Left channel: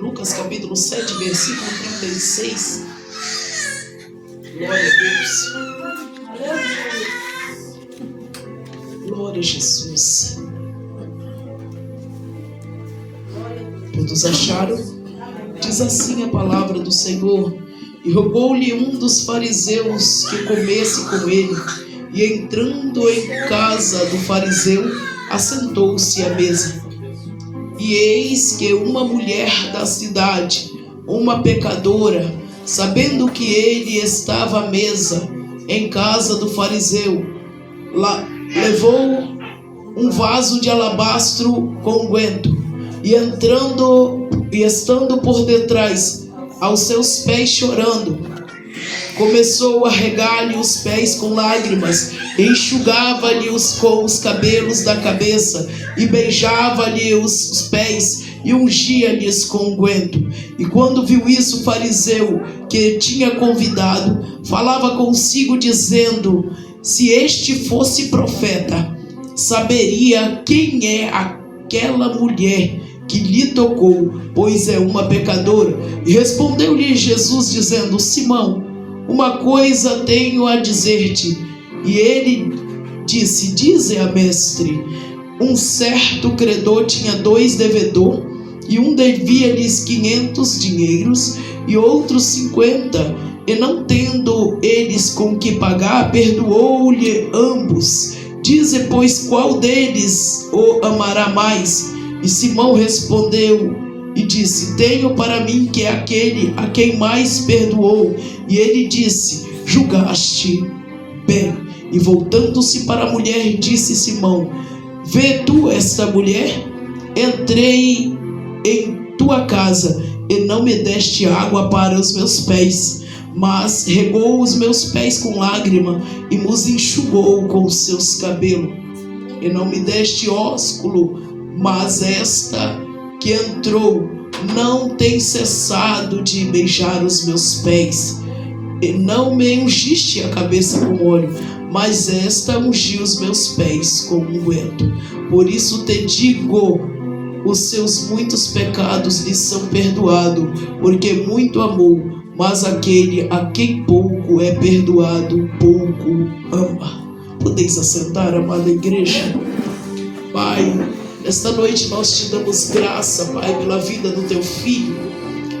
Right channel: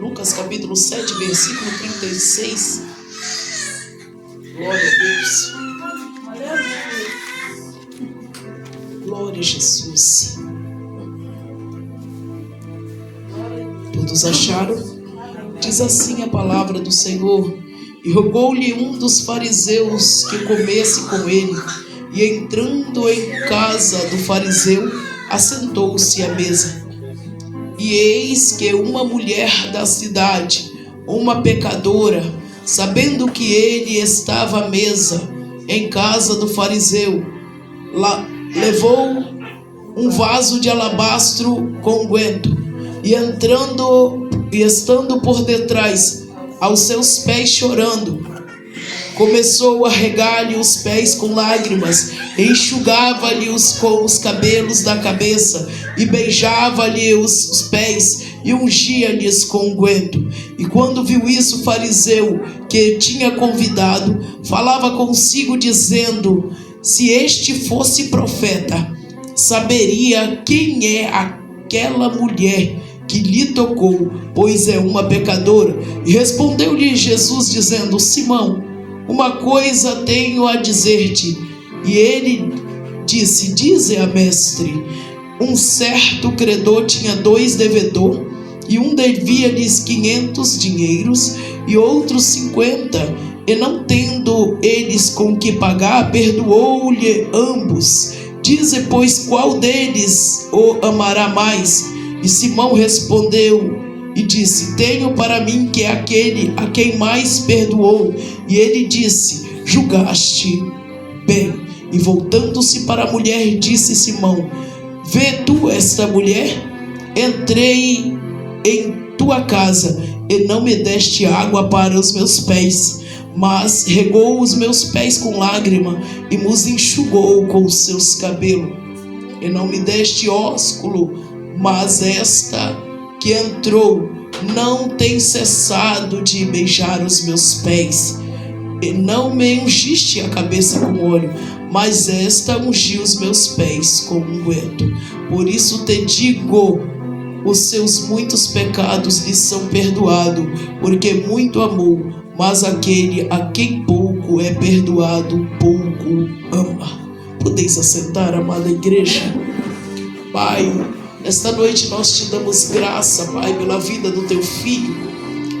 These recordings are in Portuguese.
Lucas capítulo 7, versículo 36. Glória a Deus. Glória a Jesus. Todos acharam? Diz assim a palavra do Senhor: e rogou-lhe um dos fariseus que comesse com ele, e entrando em casa do fariseu, assentou-se à mesa. E eis que uma mulher da cidade, uma pecadora, sabendo que ele estava à mesa em casa do fariseu, levou um vaso de alabastro com unguento, e estando por detrás aos seus pés chorando, começou a regar-lhe os pés com lágrimas, enxugava-lhe-os com os cabelos da cabeça, e beijava-lhe os pés, e ungia-lhes com unguento. E quando viu isso, o fariseu que tinha convidado falava consigo, dizendo: se este fosse profeta, saberia quem é aquela mulher que lhe tocou, pois é uma pecadora. E respondeu-lhe Jesus, dizendo: Simão, uma coisa tenho a dizer-te. E ele disse: dize a mestre. Um certo credor tinha 2 devedores, e um devia-lhes 500 dinheiros, e outro 50, e não tendo eles com que pagar, perdoou-lhe ambos. Dize, pois, qual deles o amará mais? E Simão respondeu e disse: tenho para mim que é aquele a quem mais perdoou. E ele disse: julgaste bem. E voltando-se para a mulher, disse Simão: vê tu esta mulher? Entrei em tua casa e não me deste água para os meus pés, mas regou os meus pés com lágrima e os enxugou com os seus cabelos. E não me deste ósculo, mas esta que entrou não tem cessado de beijar os meus pés. E não me ungiste a cabeça com óleo, mas esta ungiu os meus pés com unguento. Por isso te digo, os seus muitos pecados lhe são perdoados, porque muito amou. Mas aquele a quem pouco é perdoado, pouco ama. Podeis assentar, amada igreja. Pai, nesta noite nós te damos graça, Pai, pela vida do teu filho,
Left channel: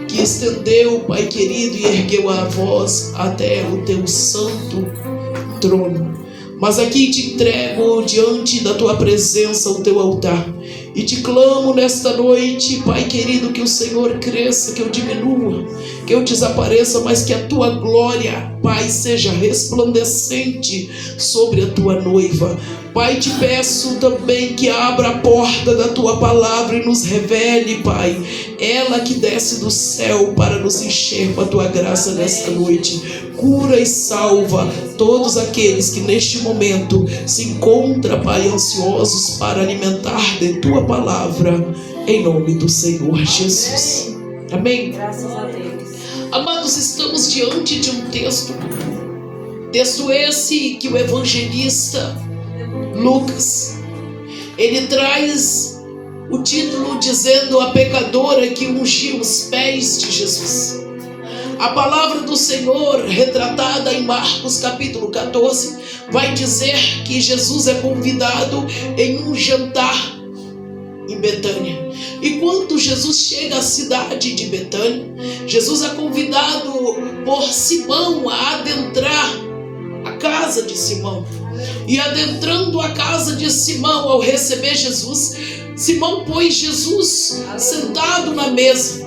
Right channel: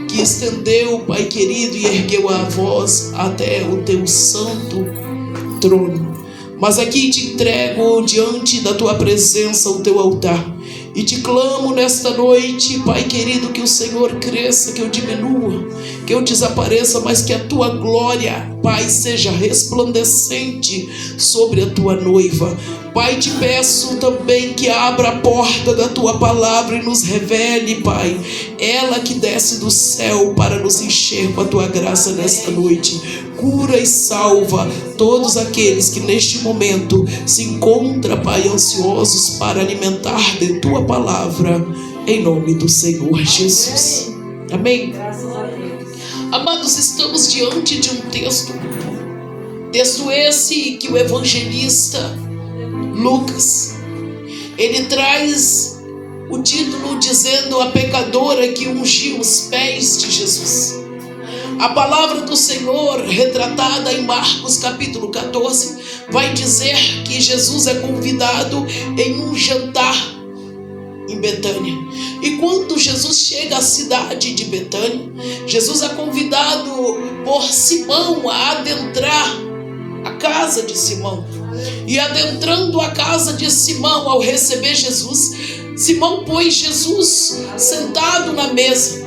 que estendeu, Pai querido, e ergueu a voz até o teu santo trono. Mas aqui te entrego diante da tua presença o teu altar, e te clamo nesta noite, Pai querido, que o Senhor cresça, que eu diminua, que eu desapareça, mas que a tua glória, Pai, seja resplandecente sobre a tua noiva. Pai, te peço também que abra a porta da tua palavra e nos revele, Pai, ela que desce do céu para nos encher com a tua graça nesta noite. Cura e salva todos aqueles que neste momento se encontram, Pai, ansiosos para alimentar de tua palavra, em nome do Senhor Jesus. Amém? Graças a Deus. Amados, estamos diante de um texto esse que o evangelista Lucas, ele traz o título dizendo: a pecadora que ungiu os pés de Jesus. A palavra do Senhor, retratada em Marcos capítulo 14, vai dizer que Jesus é convidado em um jantar em Betânia. E quando Jesus chega à cidade de Betânia, Jesus é convidado por Simão a adentrar a casa de Simão. E adentrando a casa de Simão, ao receber Jesus, Simão pôs Jesus sentado na mesa,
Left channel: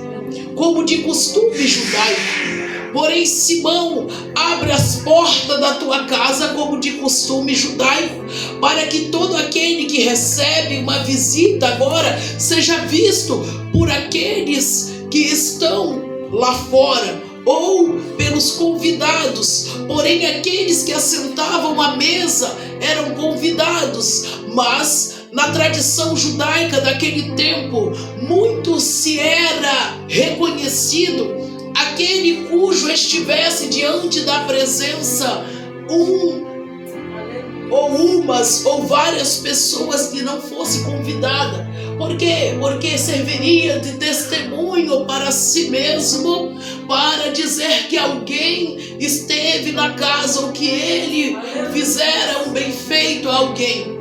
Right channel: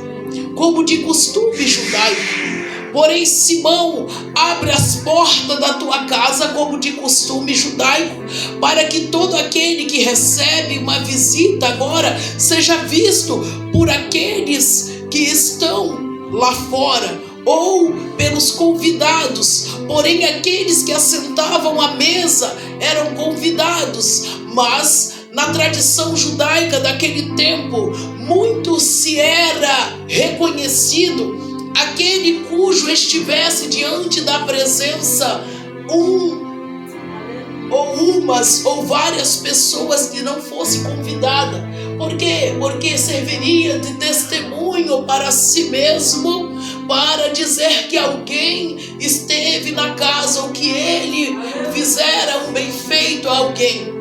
como de costume judaico. Porém, Simão abre as portas da tua casa, como de costume judaico, para que todo aquele que recebe uma visita agora seja visto por aqueles que estão lá fora, ou pelos convidados. Porém, aqueles que assentavam à mesa eram convidados, mas na tradição judaica daquele tempo, muito se era reconhecido aquele cujo estivesse diante da presença ou umas ou várias pessoas que não fosse convidada, Por quê? Porque serviria de testemunho para si mesmo, para dizer que alguém esteve na casa, ou que ele fizera um bem feito a alguém.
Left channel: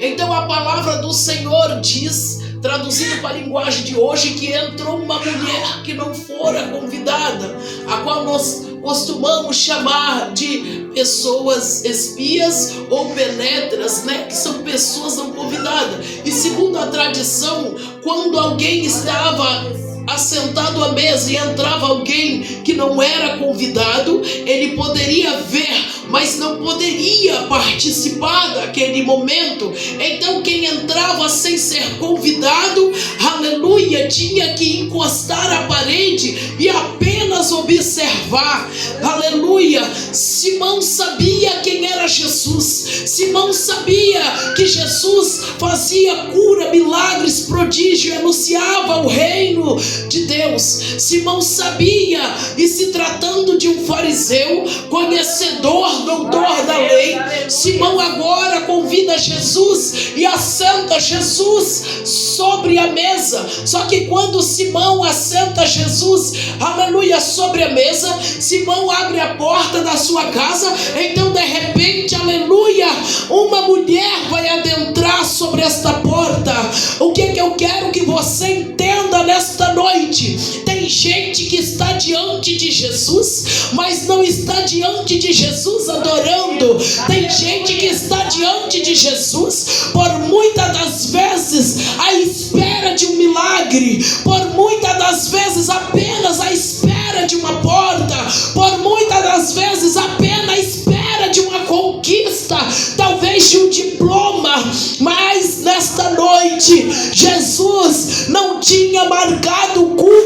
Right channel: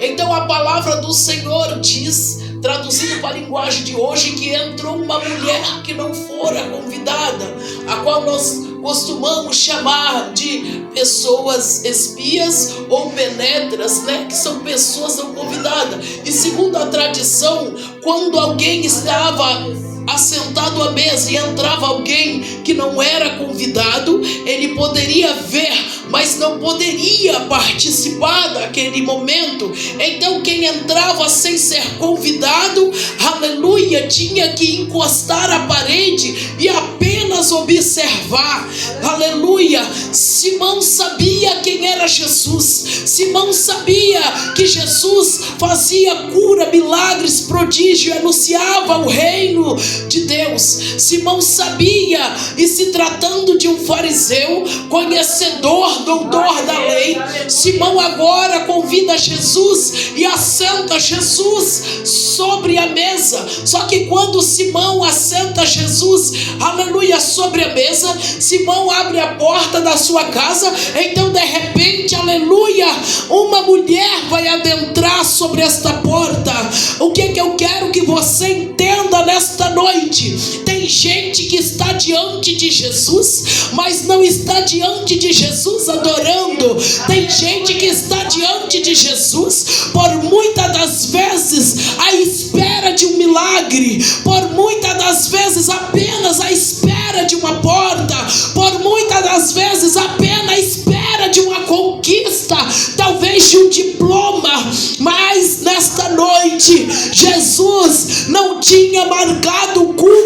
Então a palavra do Senhor diz, traduzindo para a linguagem de hoje, que entrou uma mulher que não fora convidada, a qual nós costumamos chamar de pessoas espias ou penetras, né? Que são pessoas não convidadas. E segundo a tradição, quando alguém estava assentado à mesa e entrava alguém que não era convidado, ele poderia ver, mas não poderia participar daquele momento. Então quem entrava sem ser convidado, aleluia, tinha que encostar a parede e apenas observar, aleluia. Simão sabia quem era Jesus. Simão sabia que Jesus fazia cura, milagres, prodígio, anunciava o reino de Deus. Simão sabia, e se tratando de um fariseu, conhecedor, doutor da lei, Simão agora convida Jesus e assenta Jesus sobre a mesa. Só que quando Simão assenta Jesus, aleluia, sobre a mesa, Simão abre a porta da sua casa. Então de repente, aleluia, uma mulher vai adentrar sobre esta porta. O que eu quero que você entenda nesta noite? Tem gente que está diante de Jesus, mas não está diante de Jesus adorando. Tem gente que está diante de Jesus por muitas das vezes à espera de um milagre, por muitas das vezes apenas à espera de uma porta, por muitas das vezes apenas à espera de uma conquista, talvez de um diploma. Mas nesta noite Jesus não tinha marcado o culto,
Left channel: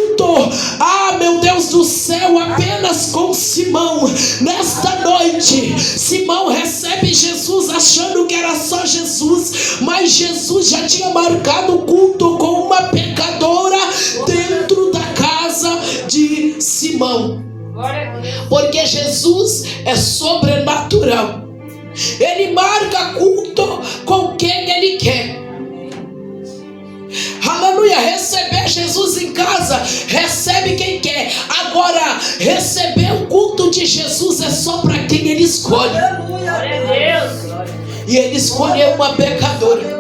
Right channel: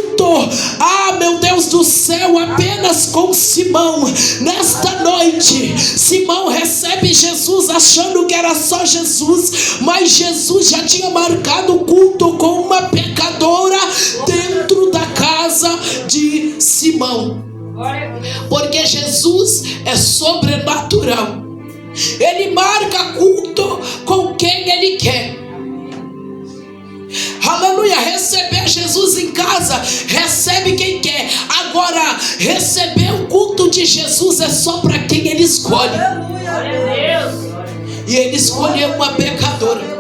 meu Deus do céu, apenas com Simão. Nesta noite Simão recebe Jesus achando que era só Jesus, mas Jesus já tinha marcado o culto com uma pecadora dentro da casa de Simão. Porque Jesus é sobrenatural. Ele marca culto com quem ele quer. Aleluia, receber Jesus em casa, recebe quem quer. Agora, receber o culto de Jesus é só para quem ele escolhe. E ele escolheu uma pecadora.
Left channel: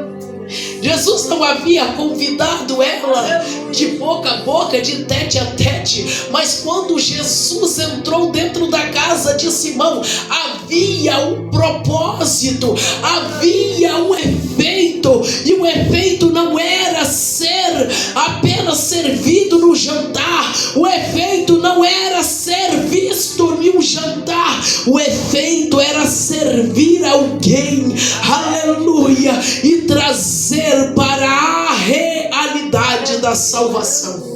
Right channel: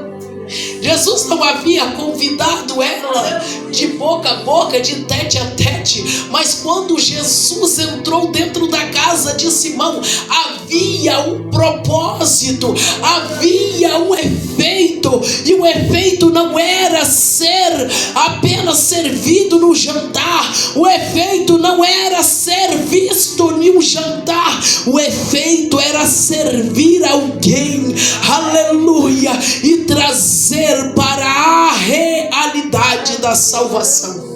Jesus não havia convidado ela de boca a boca, de tete a tete, mas quando Jesus entrou dentro da casa de Simão, havia um propósito, havia um efeito, e o efeito não era ser apenas servido no jantar, o efeito não era ser visto no jantar, o efeito era servir alguém, aleluia, e trazer para a realidade da salvação.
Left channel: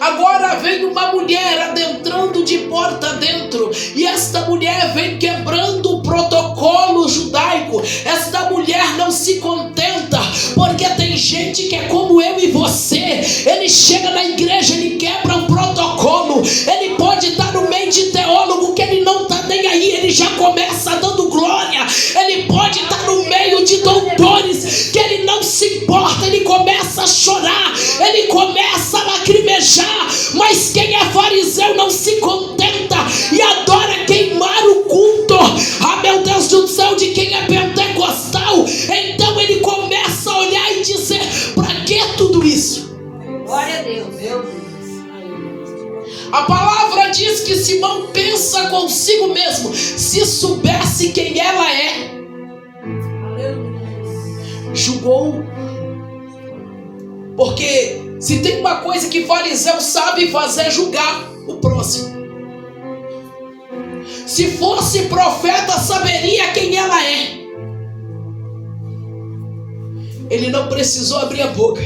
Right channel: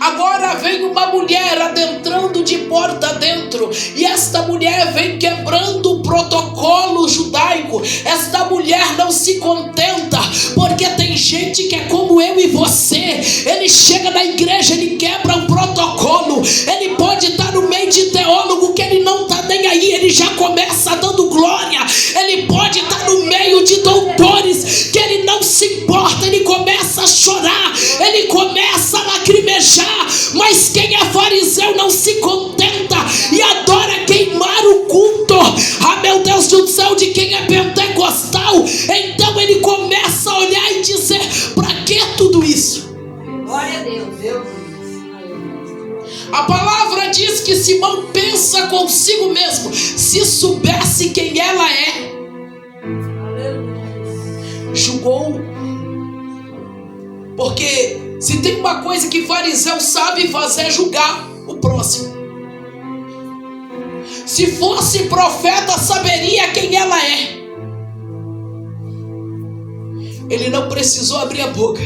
Agora vem uma mulher adentrando de porta dentro, e esta mulher vem quebrando o protocolo judaico. Esta mulher não se contenta, porque tem gente que é como eu e você. Ele chega na igreja, ele quebra o protocolo. Ele pode estar no meio de teólogo que ele não está nem aí, ele já começa dando glória. Ele pode estar no meio de doutores que ele não se importa, ele começa a chorar, ele começa a lacrimejar. Mas quem é fariseu não se contenta e adora queimar o culto, meu Deus do céu, de quem é pentecostal. Então ele começa a olhar e dizer: para que tudo isso? Glória a Deus. A palavra diz que Simão pensa consigo mesmo: se soubesse quem ela é. Julgou. Porque se tem uma coisa que fariseu sabe fazer, é julgar o próximo. Se fosse profeta, saberia quem ela é. Ele não precisou abrir a boca.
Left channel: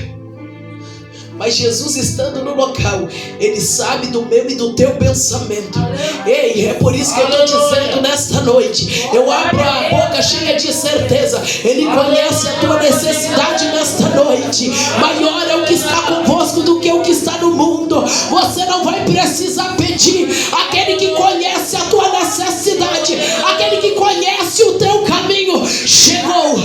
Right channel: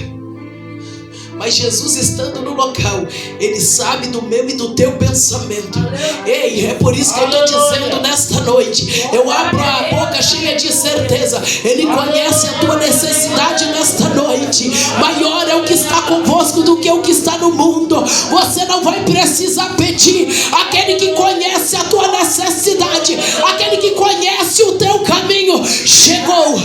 Mas Jesus, estando no local, ele sabe do meu e do teu pensamento. Ei, é por isso que eu estou dizendo nesta noite, eu abro a boca cheia de certeza. Ele conhece a tua necessidade nesta noite. Maior é o que está convosco do que o que está no mundo. Você não vai precisar pedir. Aquele que conhece a tua necessidade, aquele que conhece o teu caminho, chegou.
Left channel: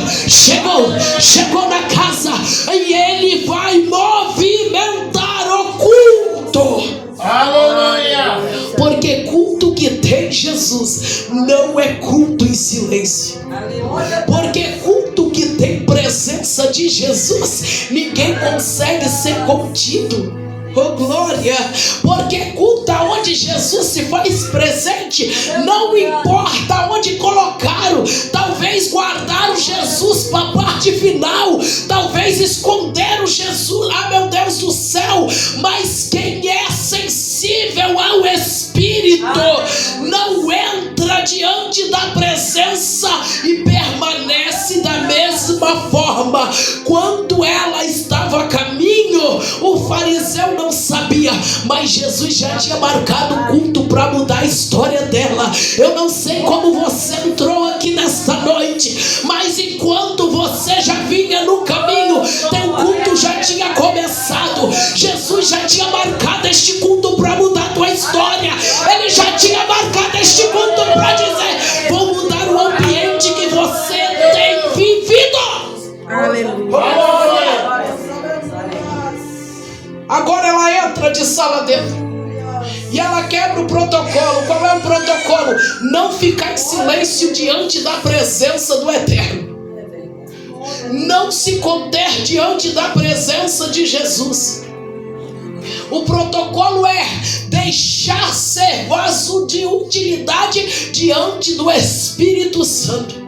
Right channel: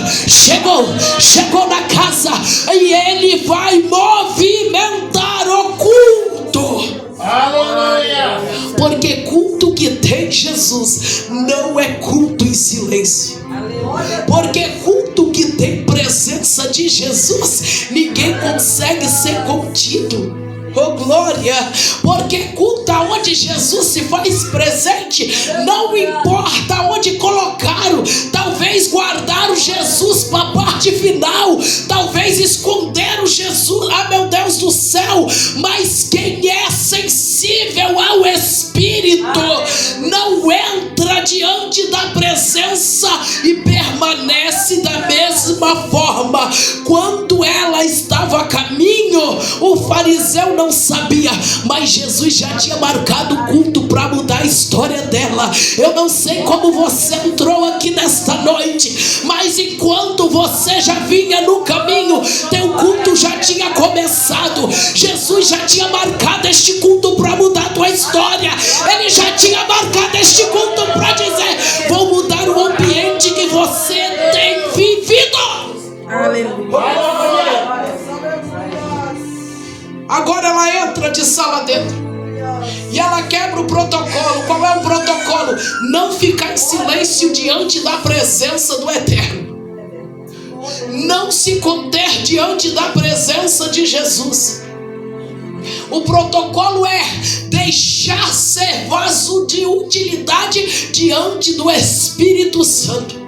consegue ser contido. Oh glória, porque culto onde Jesus se faz presente, não importa onde colocaram, talvez guardaram Jesus para a parte final, talvez esconderam Jesus, meu Deus do céu, mas quem é sensível ao Espírito, não entra diante da presença e permanece da mesma forma. Quando ela estava a caminho, o fariseu não sabia, mas Jesus já tinha marcado o culto para mudar a história dela. Eu não sei como você entrou aqui nesta noite, mas enquanto você já vinha no caminho, teu culto já tinha começado. Jesus já tinha marcado este culto para mudar a tua história. Ele já tinha marcado este culto para dizer: vou mudar o ambiente que você tem vivido. Aleluia. Agora ela entra de sala dentro e ela quebra o protocolo. Qual é o protocolo? Não ficar em silêncio diante da presença do Eterno. Não se conter diante da presença de Jesus. O protocolo é deixar ser vaso de utilidade diante do Espírito Santo.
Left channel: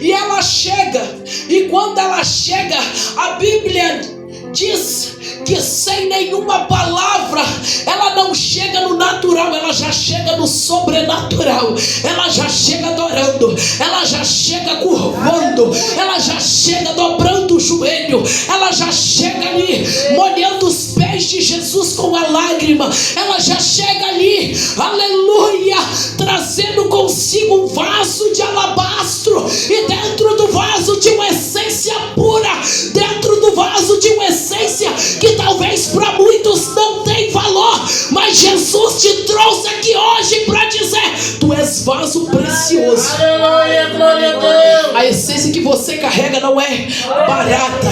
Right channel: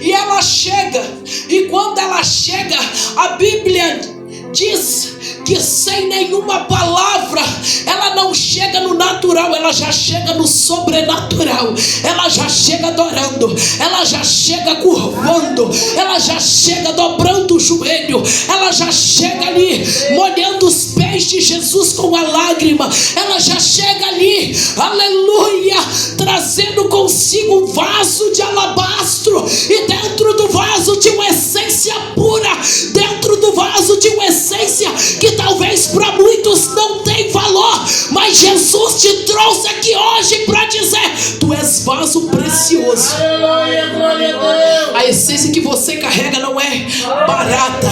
E ela chega, e quando ela chega, a Bíblia diz que sem nenhuma palavra, ela não chega no natural, ela já chega no sobrenatural. Ela já chega adorando, ela já chega curvando, ela já chega dobrando o joelho, ela já chega ali molhando os pés de Jesus com a lágrima. Ela já chega ali, aleluia, trazendo consigo um vaso de alabastro, e dentro do vaso tinha uma essência pura, dentro do vaso tinha uma essência que talvez para muitos não tem valor, mas Jesus te trouxe aqui hoje para dizer: tu és vaso precioso. A essência que você carrega não é barata,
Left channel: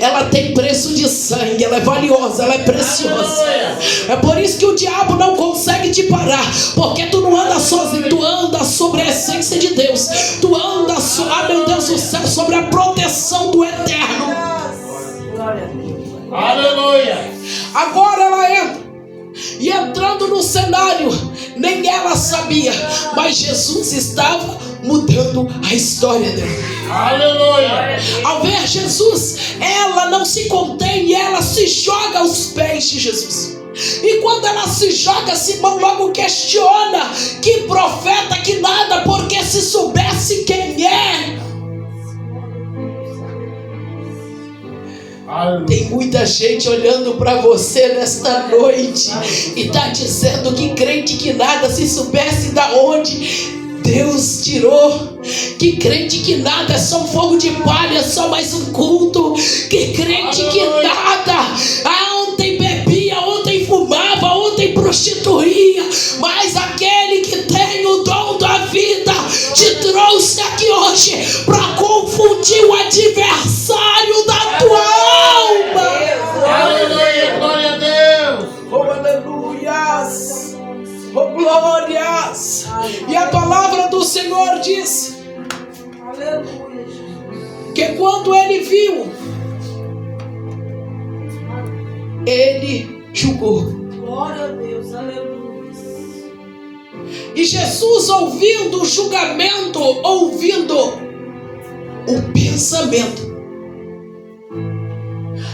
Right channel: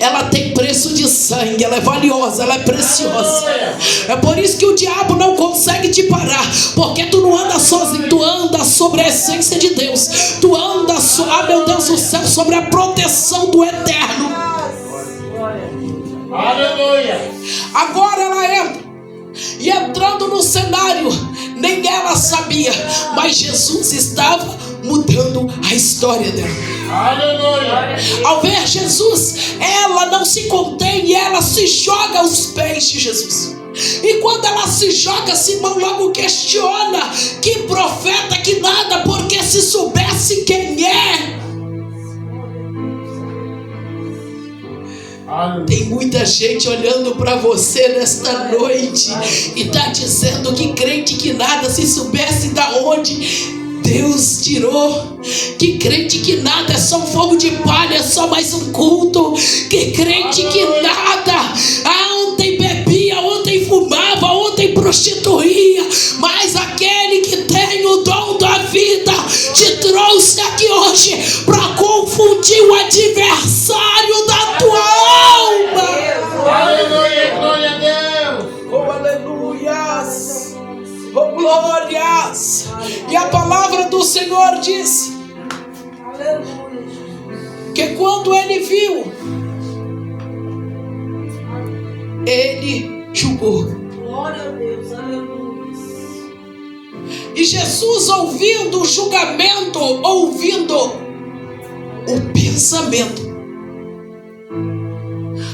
ela tem preço de sangue, ela é valiosa, ela é preciosa. É por isso que o diabo não consegue te parar, porque tu não anda sozinho, tu anda sobre a essência de Deus, tu anda, meu Deus do céu, sobre a proteção do Eterno. Aleluia. Agora ela entra, e entrando no cenário, nem ela sabia, mas Jesus estava mudando a história dela. Aleluia. Ao ver Jesus, ela não se contém e ela se joga aos pés de Jesus. E quando ela se joga, Simão logo questiona: que profeta que nada, porque se soubesse quem é. Tem muita gente olhando para você nesta noite e está dizendo que crente que nada, se soubesse da onde Deus tirou, que crente que nada é só um fogo de palha, só mais um culto, que crente que nada, ontem bebia, ontem fumava, ontem prostituía, mas aquele que tem o dom da vida te trouxe aqui hoje para confundir o adversário da tua alma. Aleluia, glória a Deus. Oh, aleluias. Oh, glórias. E a palavra do Senhor diz que quando ele viu, ele julgou. Glória a Deus, aleluia. E Jesus, ouvindo o julgamento, ouvindo o pensamento,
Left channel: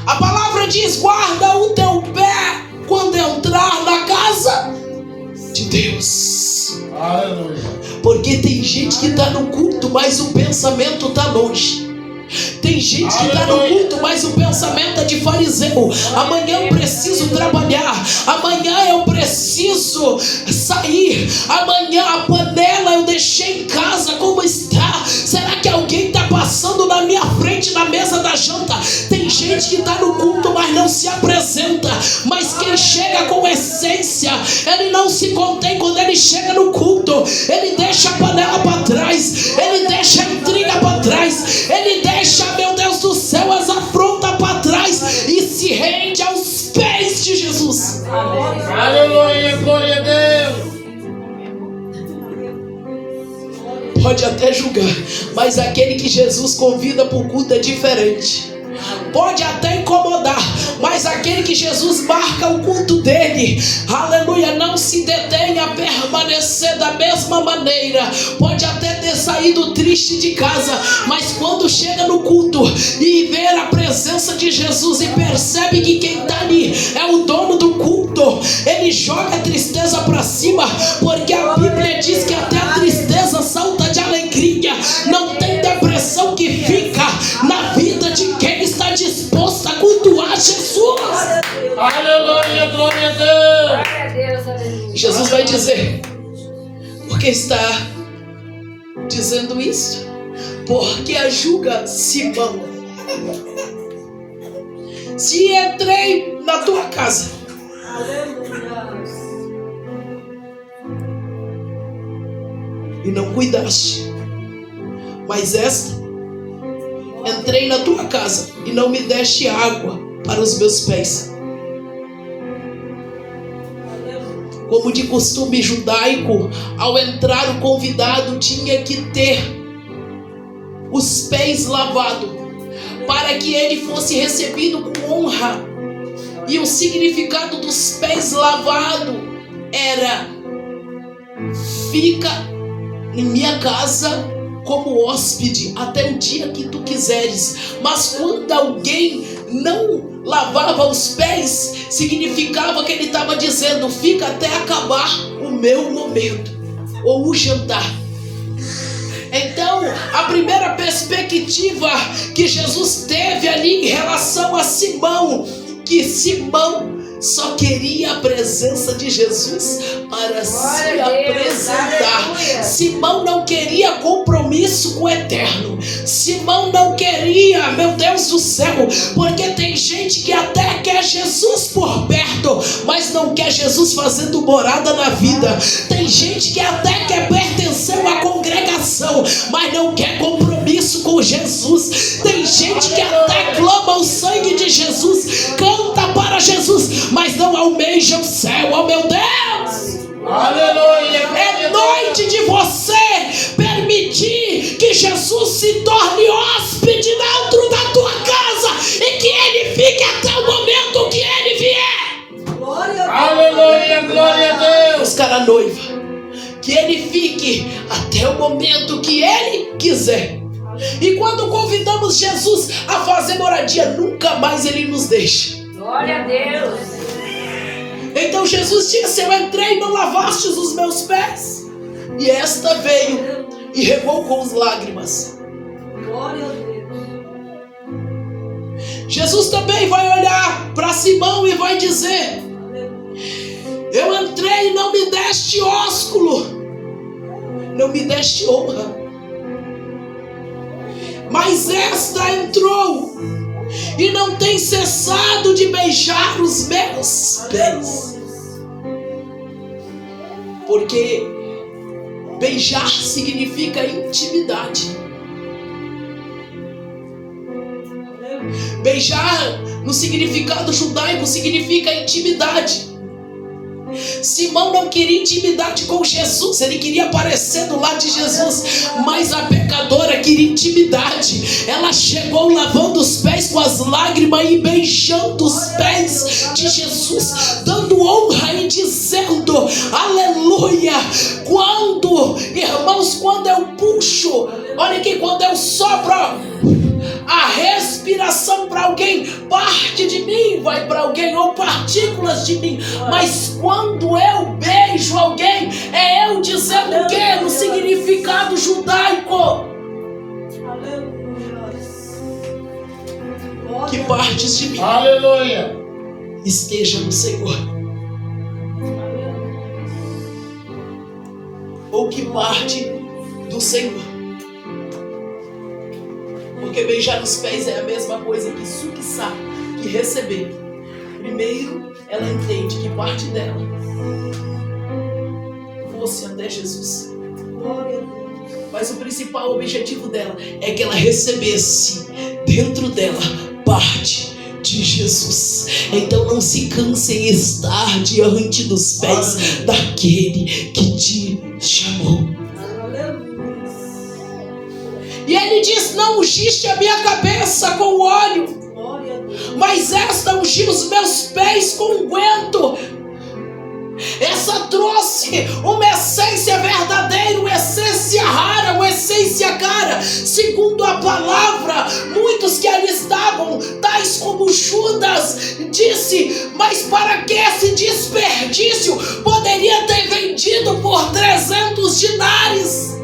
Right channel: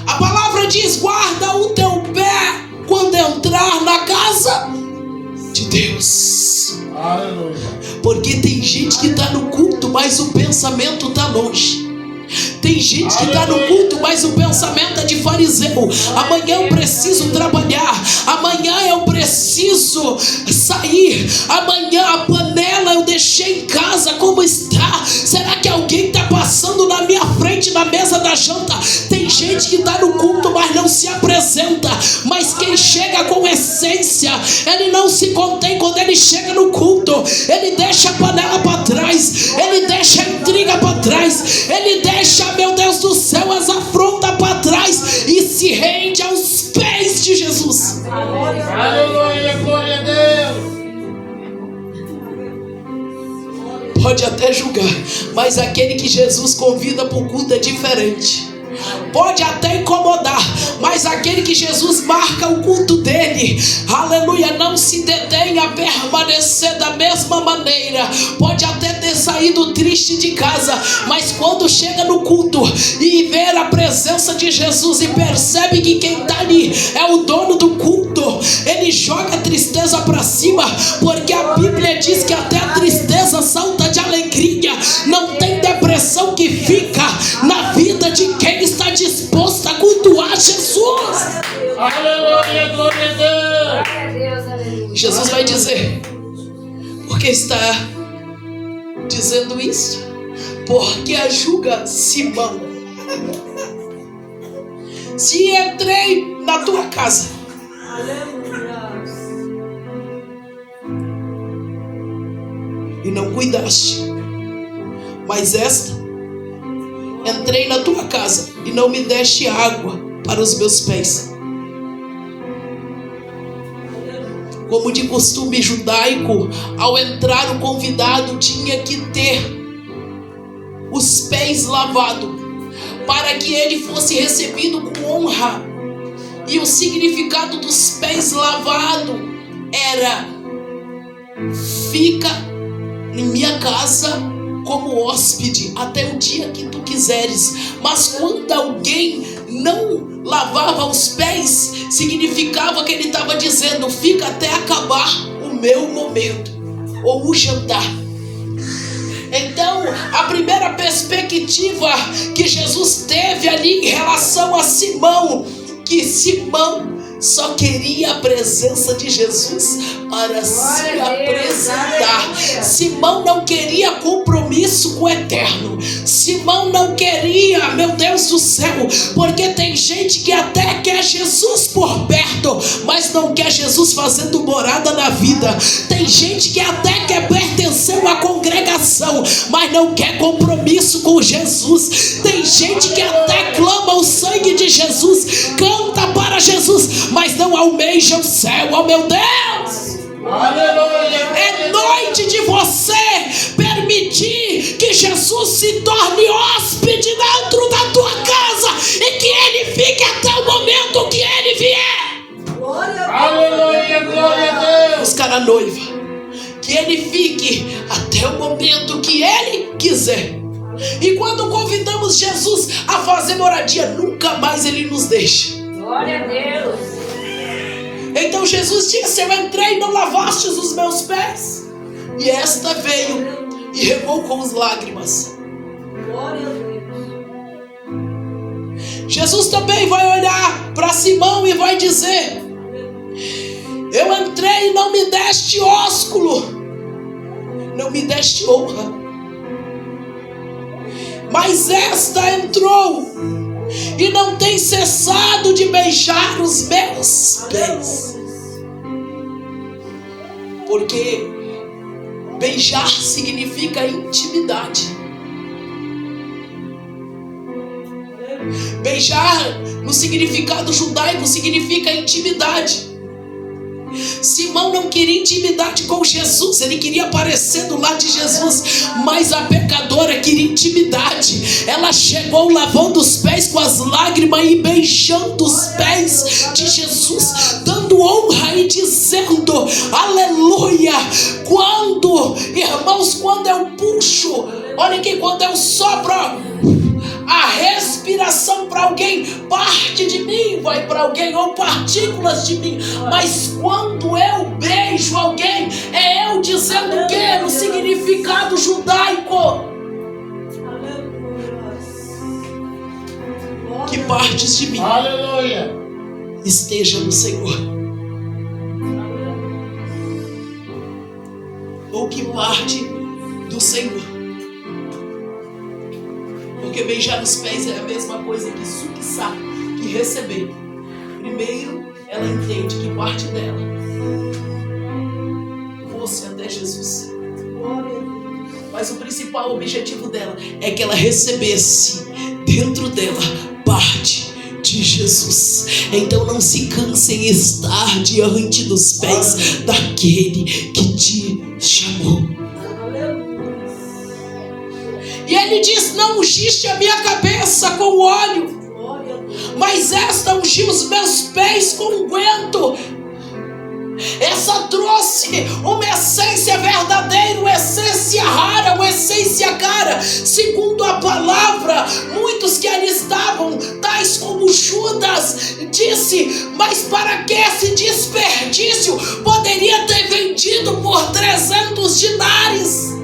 a palavra diz: guarda o teu pé quando entrar na casa de Deus. Aleluia. Porque tem gente que está no culto, mas o pensamento está longe. Tem gente que está no culto, mas o pensamento é de fariseu. Amanhã eu preciso trabalhar, amanhã eu preciso sair, amanhã a panela eu deixei em casa como está. Será que alguém está passando na minha frente na mesa da janta? Tem gente que está no culto, mas não se apresenta. Mas quem chega com essência, ele não se contém. Quando ele chega no culto, ele deixa a panela para trás, ele deixa a intriga para trás, ele deixa, meu Deus do céu, as afrontas para trás e se rende aos pés de Jesus. Aleluia, glória a Deus. Pode até julgar, mas aquele que Jesus convida para o culto é diferente. pode até incomodar, mas aquele que Jesus marca o culto dele, aleluia, não se detém a permanecer da mesma maneira. Pode até ter saído triste de casa, mas quando chega no culto e vê a presença de Jesus e percebe que quem está ali é o dono do culto, ele joga a tristeza para cima, porque a Bíblia diz que até a tristeza salta de alegria. Não tem depressão que fica na vida de quem está disposto a cultuar Jesus. Aleluia, glória a Deus. Jesus vai dizer: por que está dizendo isso? Porque julga Simão. Se entrei na tua casa e não cuidaste, mas entrei na tua casa e não me deste água para os meus pés. Como de costume judaico, ao entrar o convidado tinha que ter os pés lavados, para que ele fosse recebido com honra. E o significado dos pés lavados era: fica em minha casa como hóspede até o dia que tu quiseres. Mas quando alguém não lavava os pés, significava que ele estava dizendo: fica até acabar o meu momento, ou o jantar. Então, a primeira perspectiva que Jesus teve ali em relação a Simão, que Simão só queria a presença de Jesus para se apresentar. Simão não queria compromisso com o eterno. Simão não queria, meu Deus do céu, porque tem gente que até quer Jesus por perto, mas não quer Jesus fazendo morada na vida. Tem gente que até quer pertencer a uma congregação, mas não quer compromisso com Jesus. Tem gente que até clama o sangue de Jesus, canta para Jesus, mas não almeja o céu. Oh meu Deus! Aleluia! É noite de você permitir que Jesus se torne hóspede dentro da tua casa e que ele fique até o momento que ele vier. Aleluia, glória a Deus! Buscar a noiva, que ele fique até o momento que ele quiser. E quando convidamos Jesus a fazer moradia, nunca mais ele nos deixa. Glória a Deus. Então Jesus disse: eu entrei e não lavastes os meus pés. E esta veio e regou com as lágrimas. Glória a Deus. Jesus também vai olhar para Simão e vai dizer: eu entrei e não me deste ósculo, não me deste honra. Mas esta entrou e não tem cessado de beijar os meus pés. Porque beijar significa intimidade. Beijar no significado judaico significa intimidade. Simão não queria intimidade com Jesus, ele queria aparecer do lado de Jesus, mas a pecadora queria intimidade. Ela chegou lavando os pés com as lágrimas e beijando os pés de Jesus, dando honra e dizendo aleluia. Quando, irmãos, quando eu puxo, olha aqui, quando eu sopro a respiração para alguém, parte de mim vai para alguém, ou partículas de mim. Mas quando eu beijo alguém, é eu dizendo o quê? No significado judaico, que partes de mim, Aleluia! esteja no Senhor, ou que parte do Senhor. Porque beijar os pés é a mesma coisa que suquissar, que receber. Primeiro, ela entende que parte dela fosse até Jesus. Mas o principal objetivo dela é que ela recebesse dentro dela parte de Jesus. Então não se canse em estar diante dos pés daquele que te chamou. E ele diz: não ungiste a minha cabeça com óleo. mas esta ungiu os meus pés com unguento. Essa trouxe uma essência verdadeira, uma essência rara, uma essência cara. Segundo a palavra, muitos que ali estavam, tais como Judas, disse: mas para que esse desperdício? Poderia ter vendido por 300 dinares.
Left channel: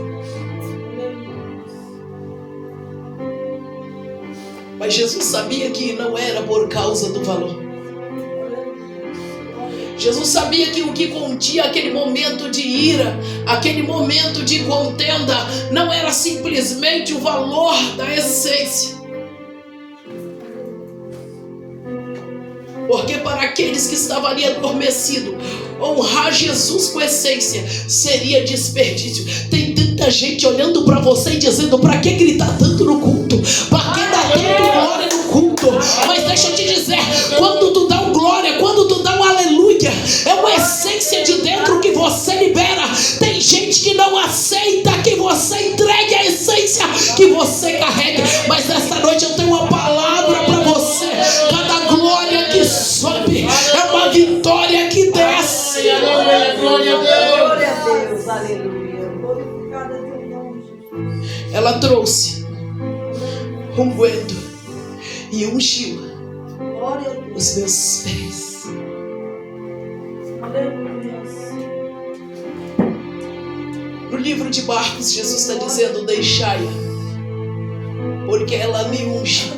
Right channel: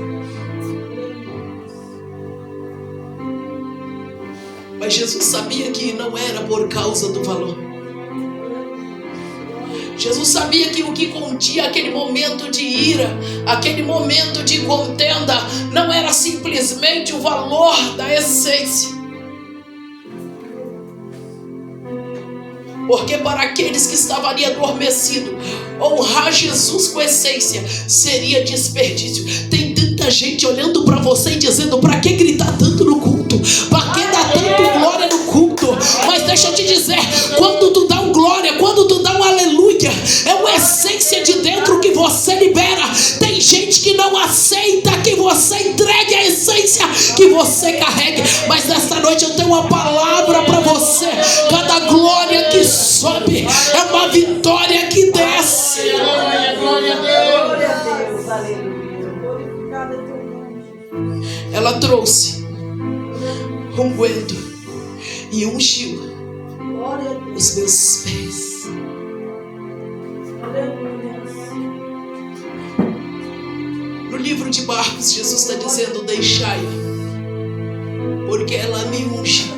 Mas Jesus sabia que não era por causa do valor. Jesus sabia que o que continha aquele momento de ira, aquele momento de contenda, não era simplesmente o valor da essência. Porque para aqueles que estavam ali adormecidos, honrar Jesus com essência seria desperdício. Tem tanta gente olhando para você e dizendo: para que gritar tanto no culto? Para que dar tanto glória no culto? Mas deixa eu te dizer, quando tu dá um glória, quando tu dá um aleluia, é uma essência de dentro que você libera. Tem gente que não aceita que você entregue a essência que você carrega. Mas nesta noite eu tenho uma palavra para você. Cada glória que sobe é uma vitória que desce. Glória a Deus, aleluia. Glorificado é teu nome. Ela trouxe unguento e ungiu Glória a Deus. os meus pés. Aleluia. No livro de Marcos, Jesus está dizendo: deixai-a, porque ela me unge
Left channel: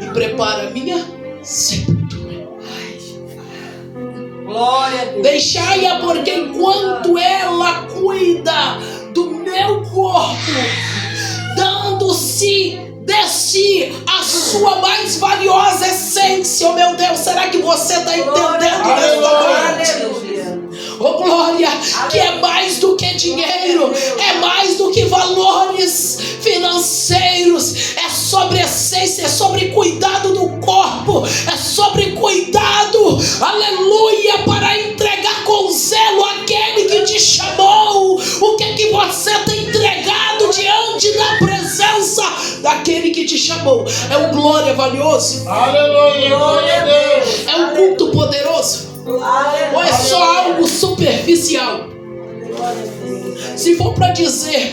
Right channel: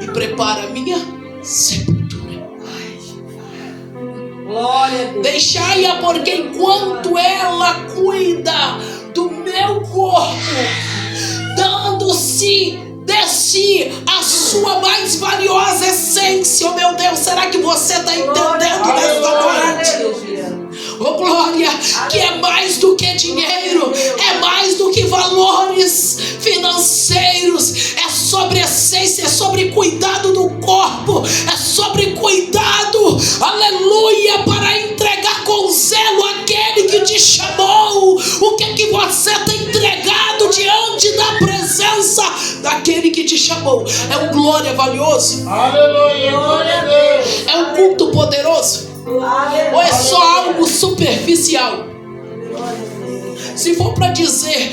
e prepara a minha sepultura. Glória a Deus. Deixai-a, porque enquanto ela cuida do meu corpo, dando-se de si a sua mais valiosa essência. Oh meu Deus, será que você está entendendo nesta noite? Aleluia. Oh glória, que é mais do que dinheiro, é mais do que valores financeiros, é sobre essência, é sobre cuidado do corpo, é sobre cuidado, aleluia, para entregar com zelo aquele que te chamou. O que você tem entregado diante da presença daquele que te chamou? É um glória valioso? Aleluia, glória a Deus. É um culto poderoso? Ou é só algo superficial? Se for para dizer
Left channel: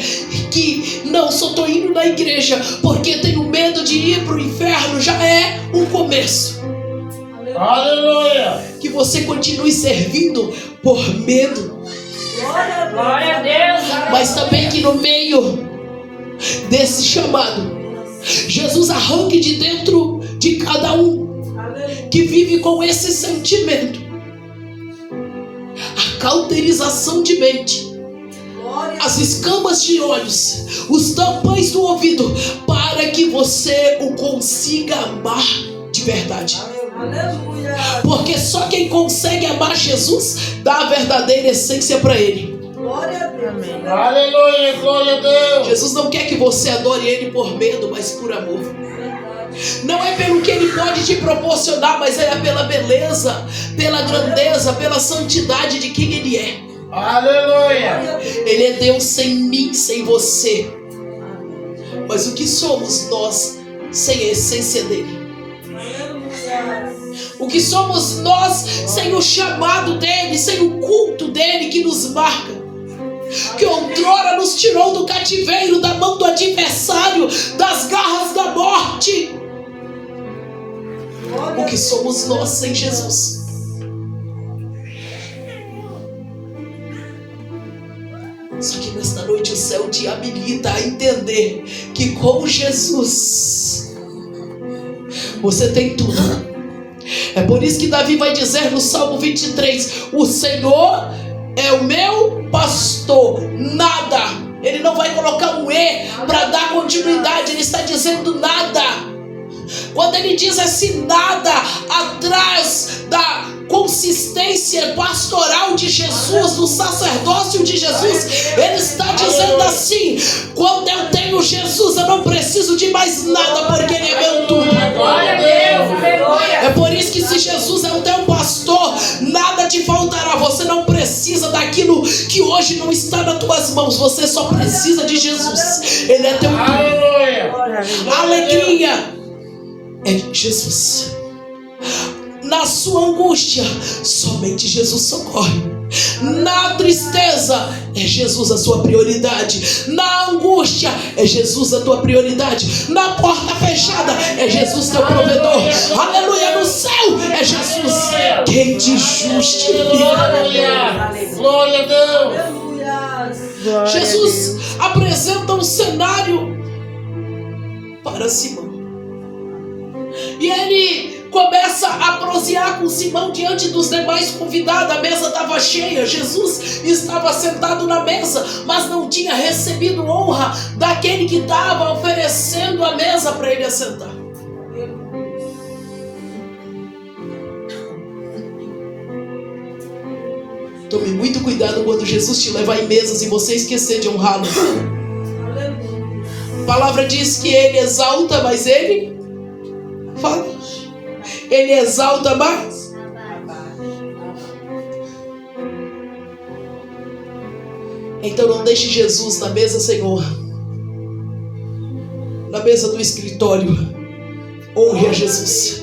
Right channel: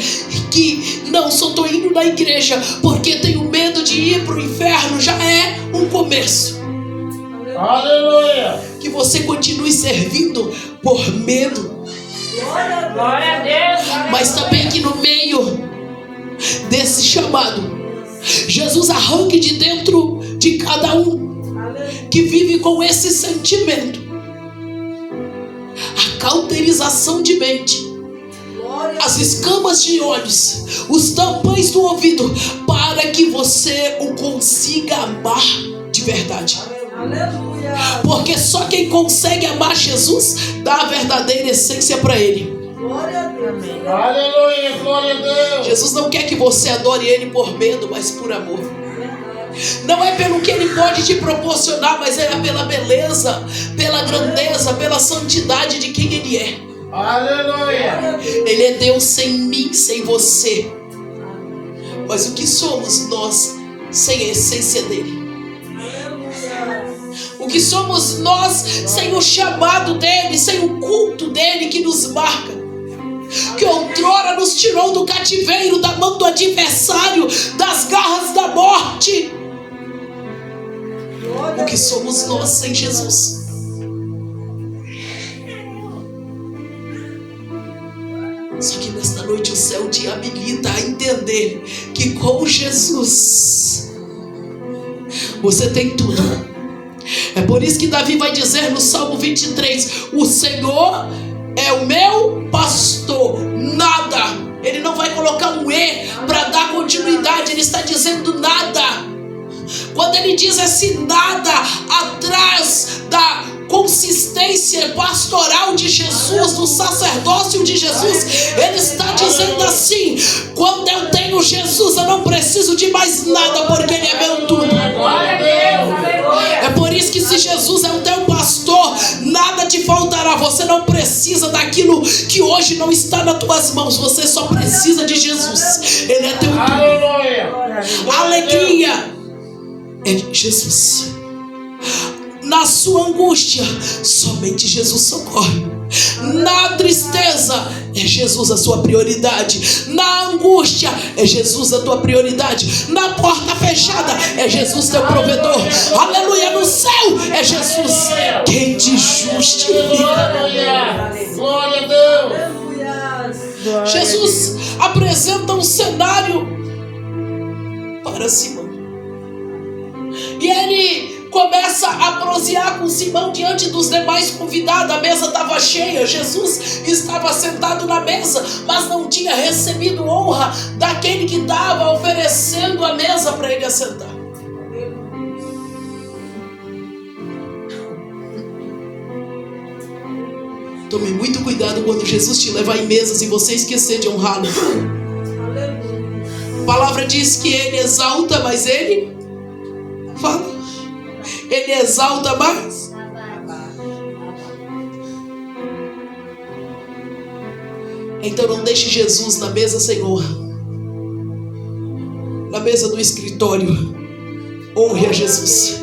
que não, só estou indo na igreja porque tenho medo de ir para o inferno, já é um começo. Aleluia. Que você continue servindo por medo, Glória a Deus. mas também que no meio desse chamado, Jesus arranque de dentro de cada um que vive com esse sentimento a cauterização de mente, as escamas de olhos, os tampões do ouvido, para que você o consiga amar de verdade. Aleluia. Porque só quem consegue amar Jesus dá a verdadeira essência para Ele. Glória a Deus. Aleluia, glória a Deus. Jesus não quer que você adore Ele por medo, mas por amor. Não é pelo que Ele pode te proporcionar, mas é pela beleza, pela grandeza, pela santidade de quem Ele é. Aleluia. Ele é Deus sem mim, sem você. Mas o que somos nós sem a essência dEle? O que somos nós sem o chamado dEle, sem o culto dEle que nos marca? Que outrora nos tirou do cativeiro, da mão do adversário, das garras da morte. O que somos nós sem Jesus? Só que nesta noite o céu te habilita a entender que com Jesus você tem tudo. É por isso que Davi vai dizer no Salmo 23: o Senhor é o meu pastor, nada. Ele não vai colocar um E para dar continuidade, ele está dizendo nada. Quando ele diz esse nada, atrás da consistência pastoral de Jesus, do sacerdócio de Jesus, ele está dizendo assim: quando eu tenho Jesus, eu não preciso de mais nada, porque Ele é meu tudo. É por isso que se Jesus é o teu pastor, nada te faltará. Você não precisa daquilo que hoje não está nas tuas mãos, você só precisa de Jesus. Ele é teu tudo. Aleluia. Alegria é Jesus. Na sua angústia, somente Jesus socorre. Na tristeza, é Jesus a sua prioridade. Na angústia, é Jesus a tua prioridade. Na porta fechada, é Jesus teu provedor. Aleluia, no céu, é Jesus quem te justifica. Glória a Deus. Aleluia. Jesus apresenta um cenário para Simão. E ele começa a prosear com Simão diante dos demais convidados. A mesa estava cheia, Jesus estava sentado na mesa, mas não tinha recebido honra daquele que estava oferecendo a mesa para ele assentar. Tome muito cuidado quando Jesus te levar em mesas e você esquecer de honrá-lo. A palavra diz que ele exalta, mas ele fala. Ele exalta mais. Então não deixe Jesus na mesa sem honra. Na mesa do escritório, honre a Jesus.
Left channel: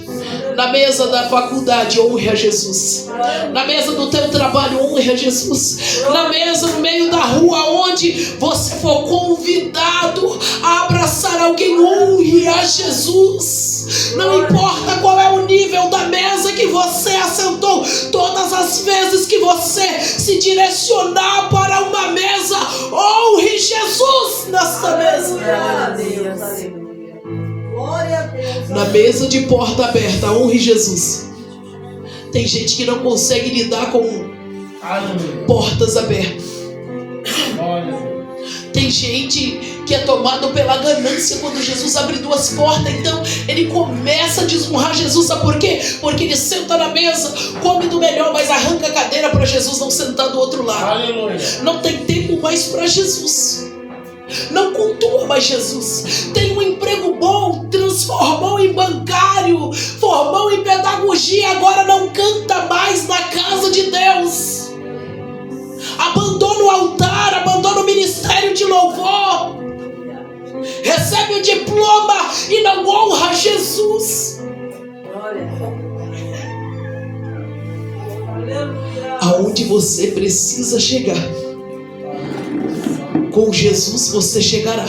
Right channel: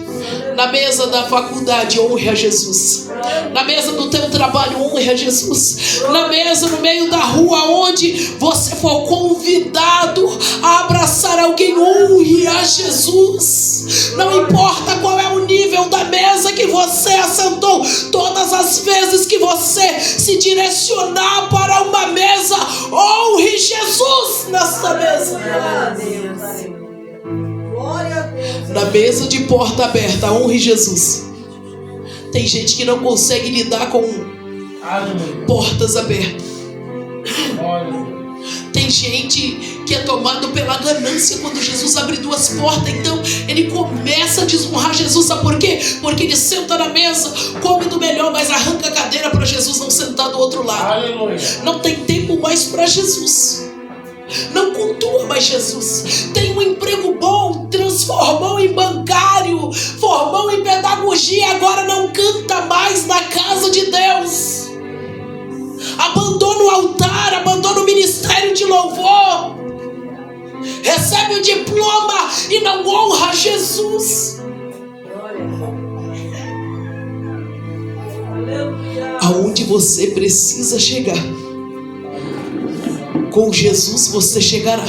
Na mesa da faculdade, honre a Jesus. Na mesa do teu trabalho, honre a Jesus. Na mesa no meio da rua, onde você for convidado a abraçar alguém, honre a Jesus. Não importa qual é o nível da mesa que você assentou, todas as vezes que você se direcionar para uma mesa, honre Jesus nessa mesa. Na mesa de porta aberta, honre Jesus. Tem gente que não consegue lidar com portas abertas. Tem gente que é tomado pela ganância quando Jesus abre duas portas. Então ele começa a desonrar Jesus. Sabe por quê? Porque ele senta na mesa, come do melhor, mas arranca a cadeira para Jesus não sentar do outro lado. Não tem tempo mais para Jesus. Não cultua mais Jesus. Tem um emprego bom, transformou em bancário, formou em pedagogia, agora não canta mais na casa de Deus. Abandona o altar, abandona o ministério de louvor, recebe o diploma e não honra Jesus. Aonde você precisa chegar, com Jesus você chegará.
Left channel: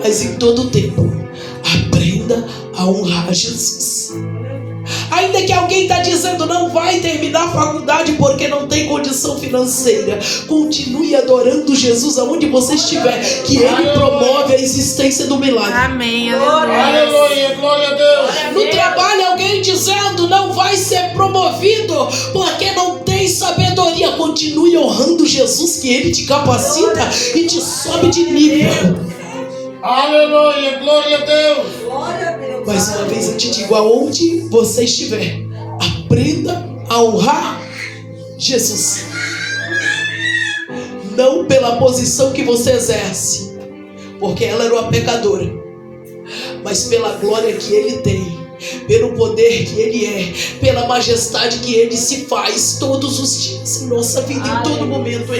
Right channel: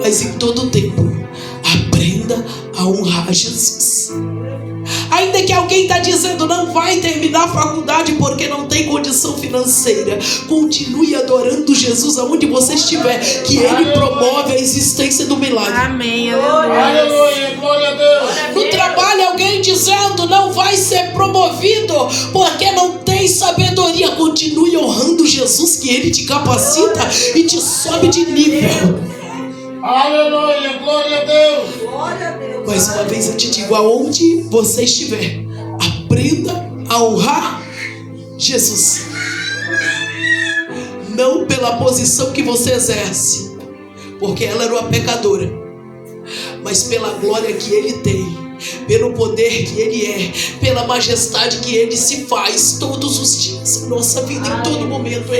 Mas em todo tempo, aprenda a honrar Jesus. Ainda que alguém está dizendo não vai terminar a faculdade porque não tem condição financeira, continue adorando Jesus aonde você estiver, que Ele promove a existência do milagre. Amém, Aleluia, glória a Deus. No trabalho, alguém dizendo não vai ser promovido porque não tem sabedoria, continue honrando Jesus, que Ele te capacita e te sobe de nível. Aleluia, glória a Deus. Mais uma vez eu te digo, aonde você estiver, aprenda a honrar Jesus. Não pela posição que você exerce, porque ela era uma pecadora, mas pela glória que Ele tem, pelo poder que Ele é, pela majestade que Ele se faz todos os dias em nossa vida, em todo momento.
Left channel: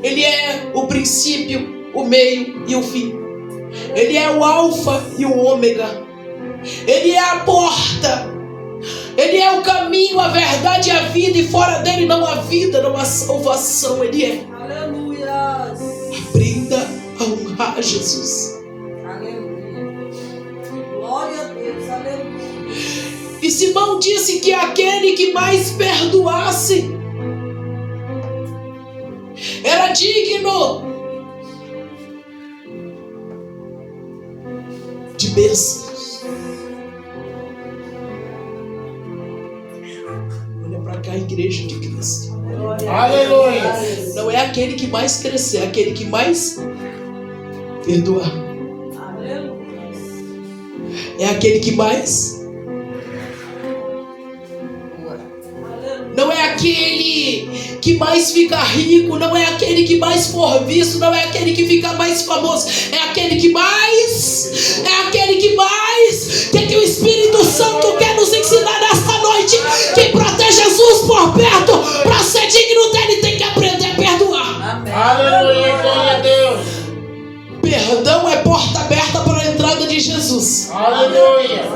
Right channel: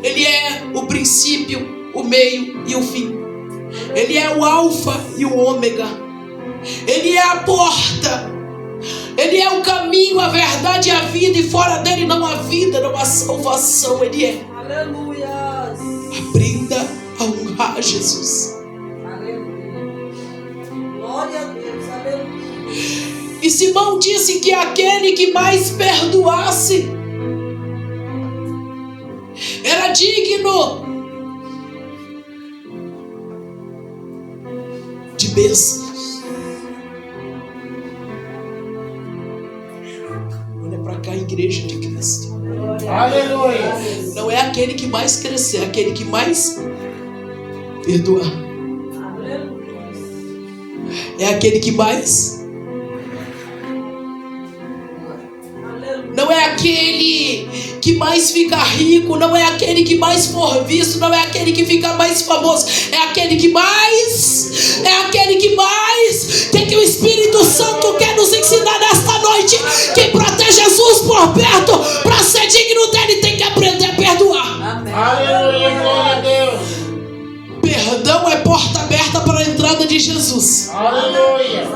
Ele é o princípio, o meio e o fim. Ele é o alfa e o ômega. Ele é a porta. Ele é o caminho, a verdade e a vida. E fora dele não há vida, não há salvação. Ele é. Aleluia. Aprenda a honrar Jesus. Aleluia. Glória a Deus. Aleluia. E Simão disse que aquele que mais perdoasse era digno de bênçãos. Olha para cá, igreja de Cristo. Aleluia. Não é aquele que mais crescer, é aquele que mais perdoar. É aquele que mais. Não é aquele que mais fica rico, não é aquele que mais for visto, não é aquele que fica mais famoso, é aquele que mais, que o Espírito Santo quer nos ensinar nesta noite, que para ter Jesus por perto, para ser digno dele, tem que aprender a perdoar. Aleluia, glória a Deus. Perdão é porta aberta para a entrada de Aleluia.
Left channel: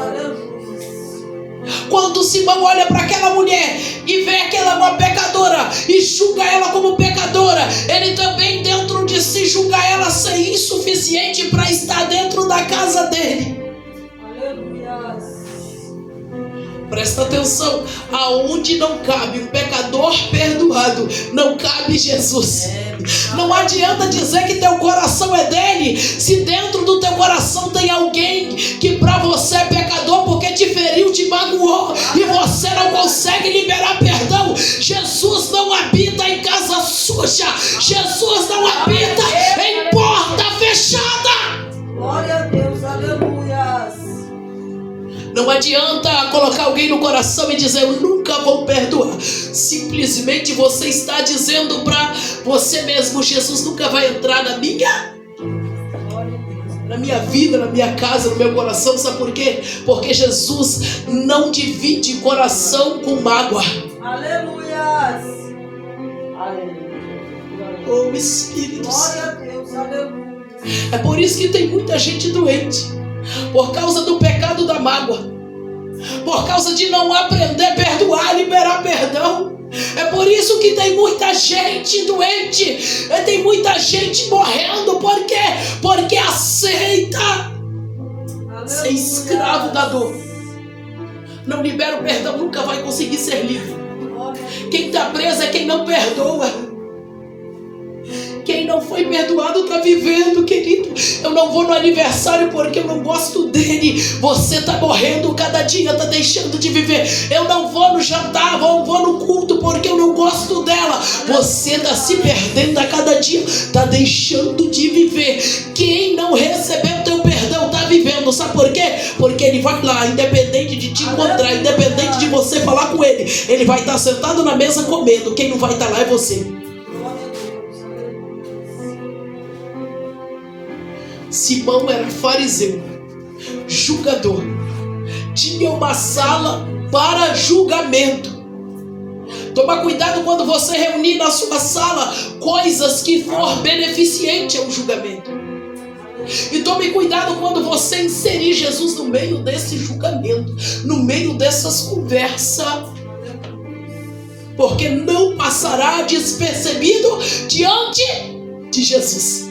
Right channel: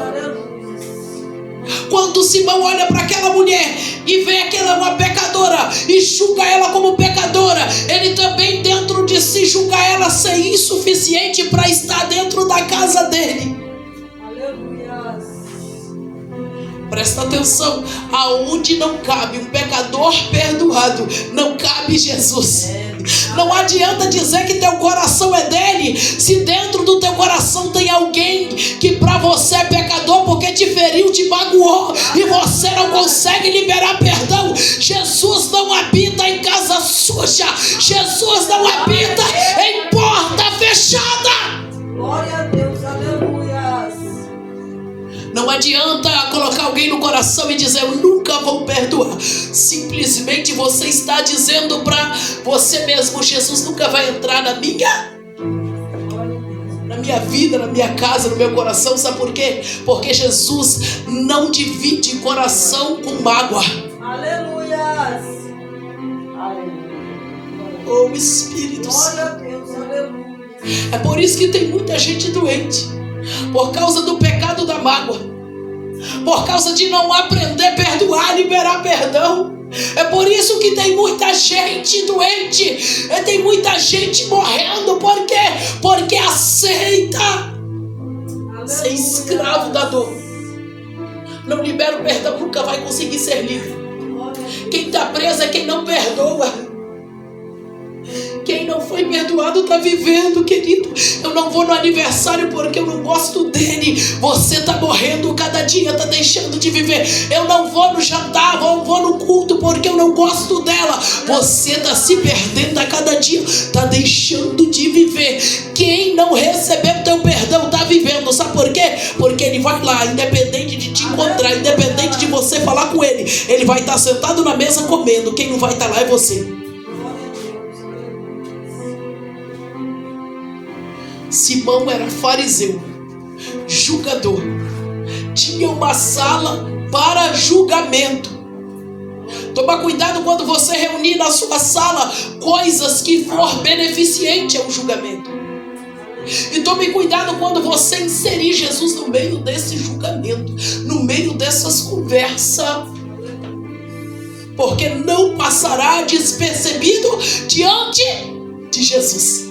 Quando Simão olha para aquela mulher e vê aquela uma pecadora e julga ela como pecadora, ele também dentro de si julga ela ser insuficiente para estar dentro da casa dele. Aleluia. Presta atenção, aonde não cabe um pecador perdoado, não cabe Jesus. Não adianta dizer que teu coração é dele, se dentro do teu coração tem alguém que para você é pecador porque te feriu, te magoou e você não consegue liberar perdão. Jesus não habita em casa suja, Jesus não habita em porta fechada. Glória a Deus, aleluia. Não adianta colocar alguém no coração e dizer eu nunca vou perdoar. Simplesmente você está dizendo para você mesmo, Jesus nunca vai entrar na minha vida, na minha casa, no meu coração. Sabe por quê? Porque Jesus não divide coração com mágoa. Aleluia. Oh Espírito Glória a Santo. Deus, aleluia. É por isso que tem muita gente doente, por causa do pecado da mágoa, por causa de não aprender a perdoar, liberar perdão. É por isso que tem muita gente doente, tem muita gente morrendo. Por quê? Porque aceita ser escravo da dor. Não libera o perdão, nunca vai conseguir ser livre. Quem está preso é quem não perdoa. Quem não foi perdoado está vivendo, querido. Eu não vou no aniversário porque eu não gosto dele. Você está morrendo cada dia, está deixando de viver. Eu não vou no jantar, eu vou no culto porque eu não gosto dela. Você está se perdendo a cada dia, está deixando de viver. Quem não recebeu teu perdão está vivendo. Sabe por quê? Porque ele vai lá, independente de te encontrar, independente de você falar com ele, ele vai estar sentado na mesa comendo. Quem não vai estar lá é você. Simão era fariseu, julgador, tinha uma sala para julgamento. Toma cuidado quando você reunir na sua sala coisas que for beneficiente ao julgamento. E tome cuidado quando você inserir Jesus no meio desse julgamento, no meio dessas conversas, porque não passará despercebido diante de Jesus.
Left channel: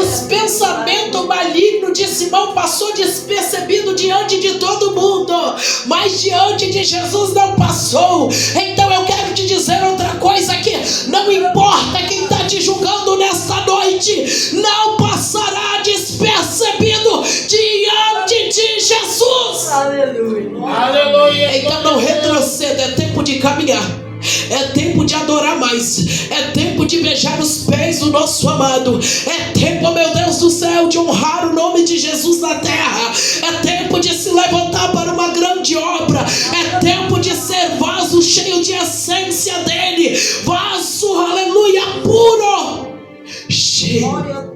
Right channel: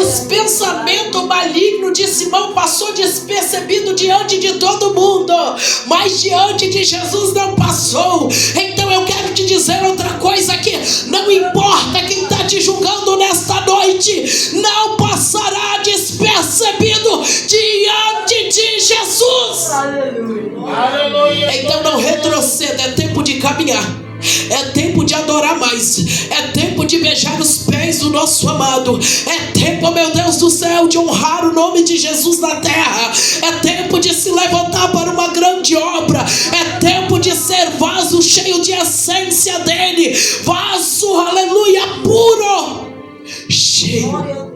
Os pensamentos malignos de Simão passou despercebido diante de todo mundo, mas diante de Jesus não passou. Então eu quero te dizer outra coisa aqui: não importa quem está te julgando nesta noite, não passará despercebido diante de Jesus. Aleluia. Então não retroceda, é tempo de caminhar. É tempo de adorar mais. É tempo de beijar os pés do nosso amado. É tempo, meu Deus do céu, de honrar o nome de Jesus na terra. É tempo de se levantar para uma grande obra. É tempo de ser vaso cheio de essência dele. Vaso, aleluia, puro. Cheio.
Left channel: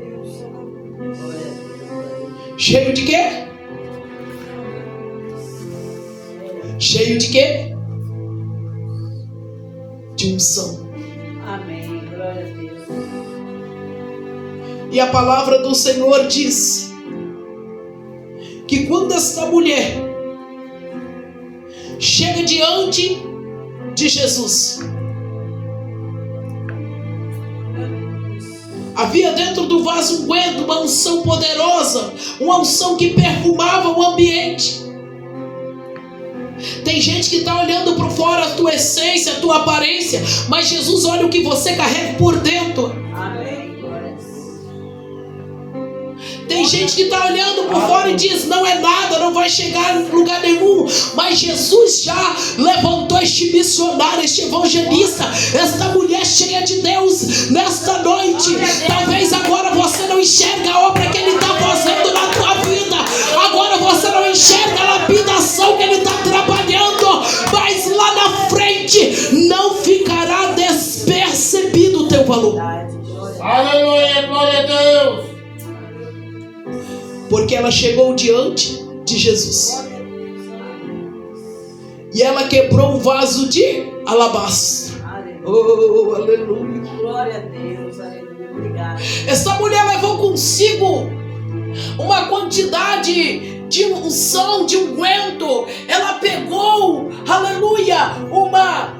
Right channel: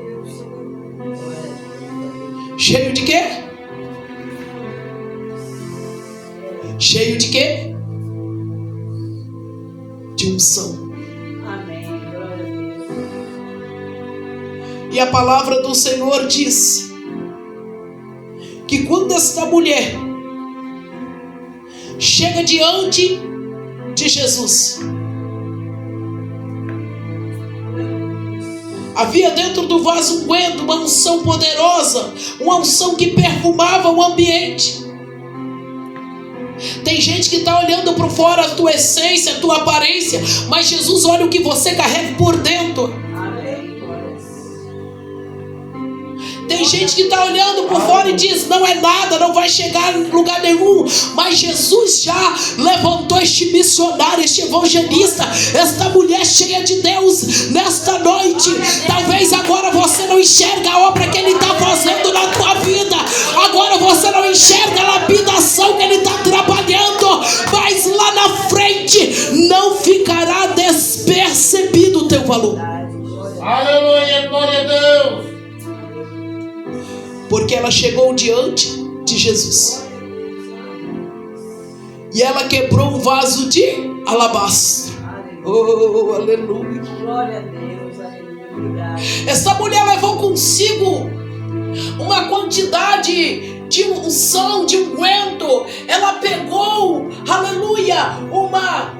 Cheio de quê? Cheio de quê? De unção. Amém. Glória a Deus. E a palavra do Senhor diz que quando esta mulher chega diante de Jesus, havia dentro do vaso unguento uma unção poderosa, uma unção que perfumava o ambiente. Tem gente que está olhando por fora a tua essência, a tua aparência, mas Jesus olha o que você carrega por dentro. Amém. Tem gente que está olhando por fora e diz, não é nada, não vai chegar em lugar nenhum. Mas Jesus já levantou este missionário, este evangelista, esta mulher cheia de Deus nesta noite. Talvez agora você não enxerga a obra que Ele está fazendo na tua vida. Agora você não enxerga a lapidação que Ele está trabalhando. Mas lá na frente não ficará despercebido o teu valor. Aleluia, glória a Deus. Porque ela chegou diante de Jesus e ela quebrou um vaso de alabastro. Oh, aleluia. Glória a Deus, aleluia. Obrigado. Essa mulher levou consigo uma quantidade de unção, de unguento. Ela pegou, aleluia, uma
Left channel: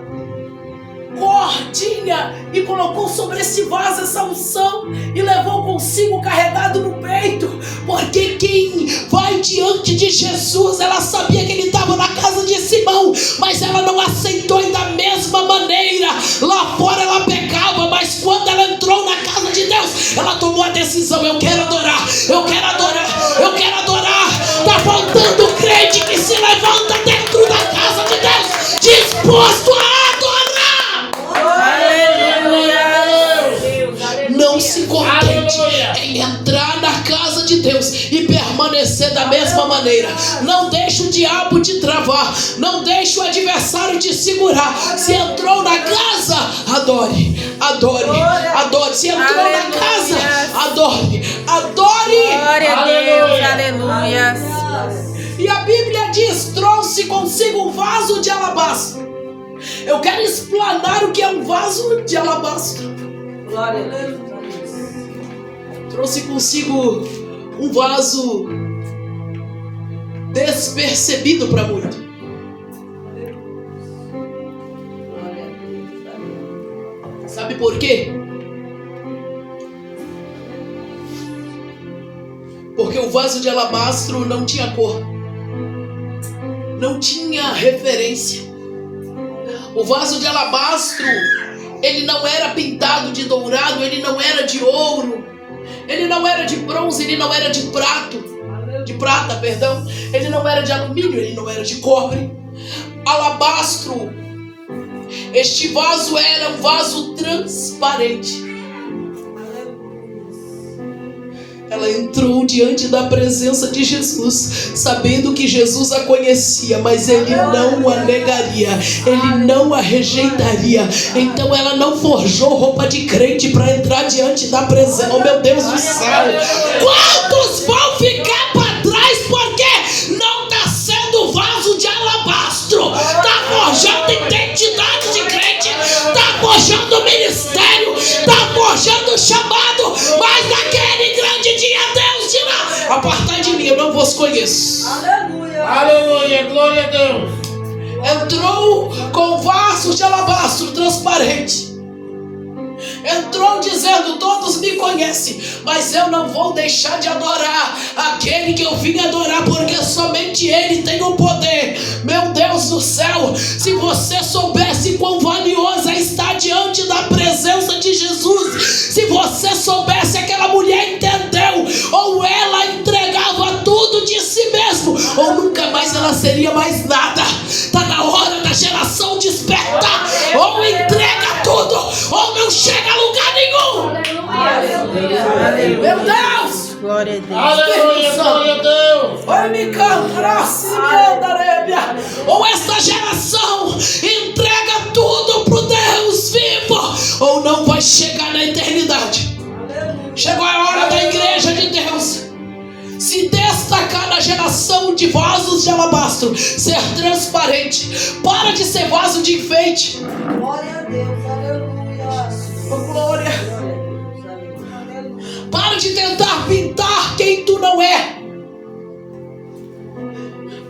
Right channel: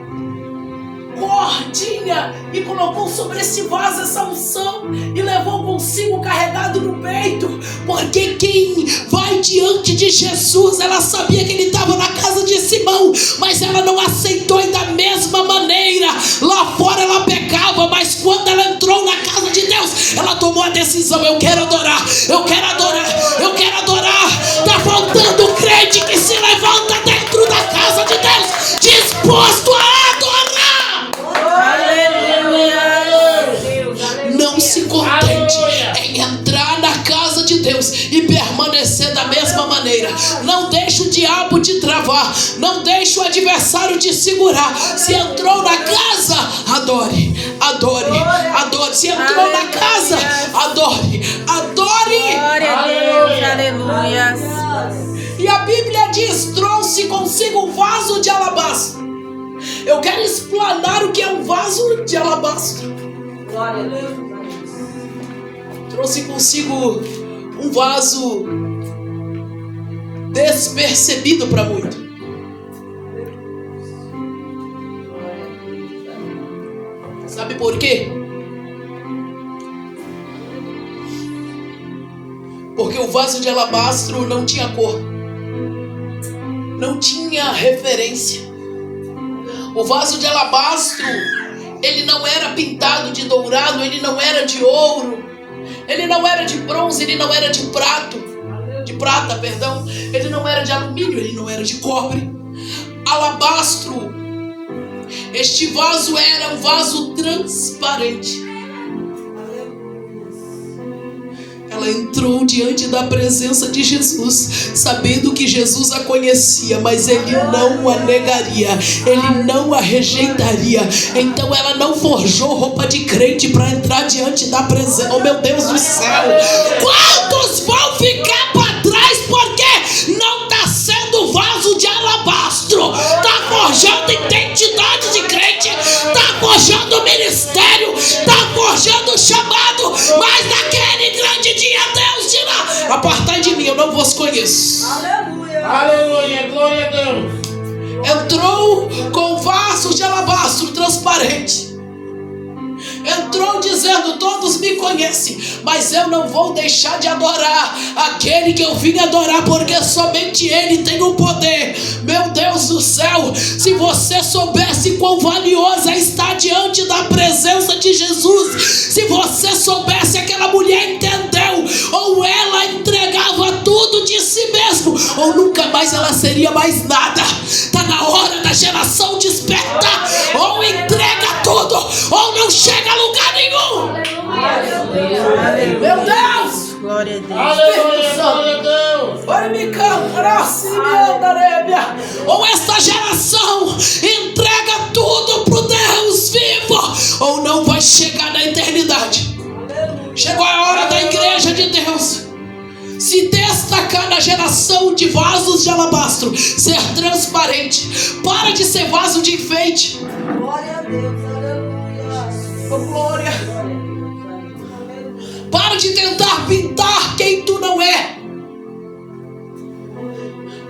cordinha e colocou sobre esse vaso essa unção e levou consigo carregado no peito, porque quem vai diante de Jesus, ela sabia que ele estava na casa de Simão, mas ela não aceitou. E da mesma maneira, lá fora ela pecava, mas quando ela entrou na casa de Deus, ela tomou a decisão: eu quero adorar, eu quero adorar, eu quero adorar. Está faltando crente que se levanta dentro da casa de Deus, disposto a não se contente em entrar na casa de Deus e permanecer da mesma maneira. Não deixe o diabo te travar, não deixe o adversário te segurar. Se entrou na casa, adore, adore, adore. Se entrou na casa, adore, adore. Glória a Deus, aleluia. E a Bíblia diz: trouxe consigo um vaso de alabastro. Eu quero explanar o que é um vaso de alabastro. Glória a Deus. Trouxe consigo um vaso despercebido para muito. Sabe por quê? Porque o vaso de alabastro não tinha cor, não tinha referência. O vaso de alabastro, ele não era pintado de dourado, ele não era de ouro, ele não era de bronze, ele não era de prata, perdão. Ele não era de alumínio, ele não era de cobre. Alabastro, este vaso era um vaso transparente. Ela entrou diante da presença de Jesus, sabendo que Jesus a conhecia, mas ele não a negaria, ele não a rejeitaria. Então ela não forjou roupa de crente para entrar diante da presença. Oh, meu Deus do céu! Quantos vão ficar para trás porque não está sendo vaso de alabastro? Está forjando identidade de crente, está forjando ministério, está forjando chamado, mas naquele grande dia Deus dirá: apartai de mim, eu não vos conheço. Aleluia. Aleluia, glória a Deus. Entrou com vasos de alabastro transparente. Entrou dizendo: todos me conhecem, mas eu não vou deixar de adorar aquele que eu vim adorar, porque somente ele tem o poder. Meu Deus do céu, se você soubesse quão valioso é estar diante da presença de Jesus, se você soubesse, aquela mulher entendeu, ou ela entregava tudo de si mesmo, ou nunca mais ela seria mais nada. Está na hora da geração despertar: ou entrega tudo, ou não chega a lugar nenhum. Aleluia. Meu Deus! Glória a Deus. Aleluia, glória a Deus. Oi, me canta, ou esta geração entrega tudo pro Deus vivo, ou não vai chegar na eternidade. Chegou a hora da igreja de Deus se destacar na geração de vasos de alabastro, ser transparente. Para de ser vaso de enfeite. Glória a Deus. Aleluia. Oh, glória. Para de tentar pintar quem tu não é,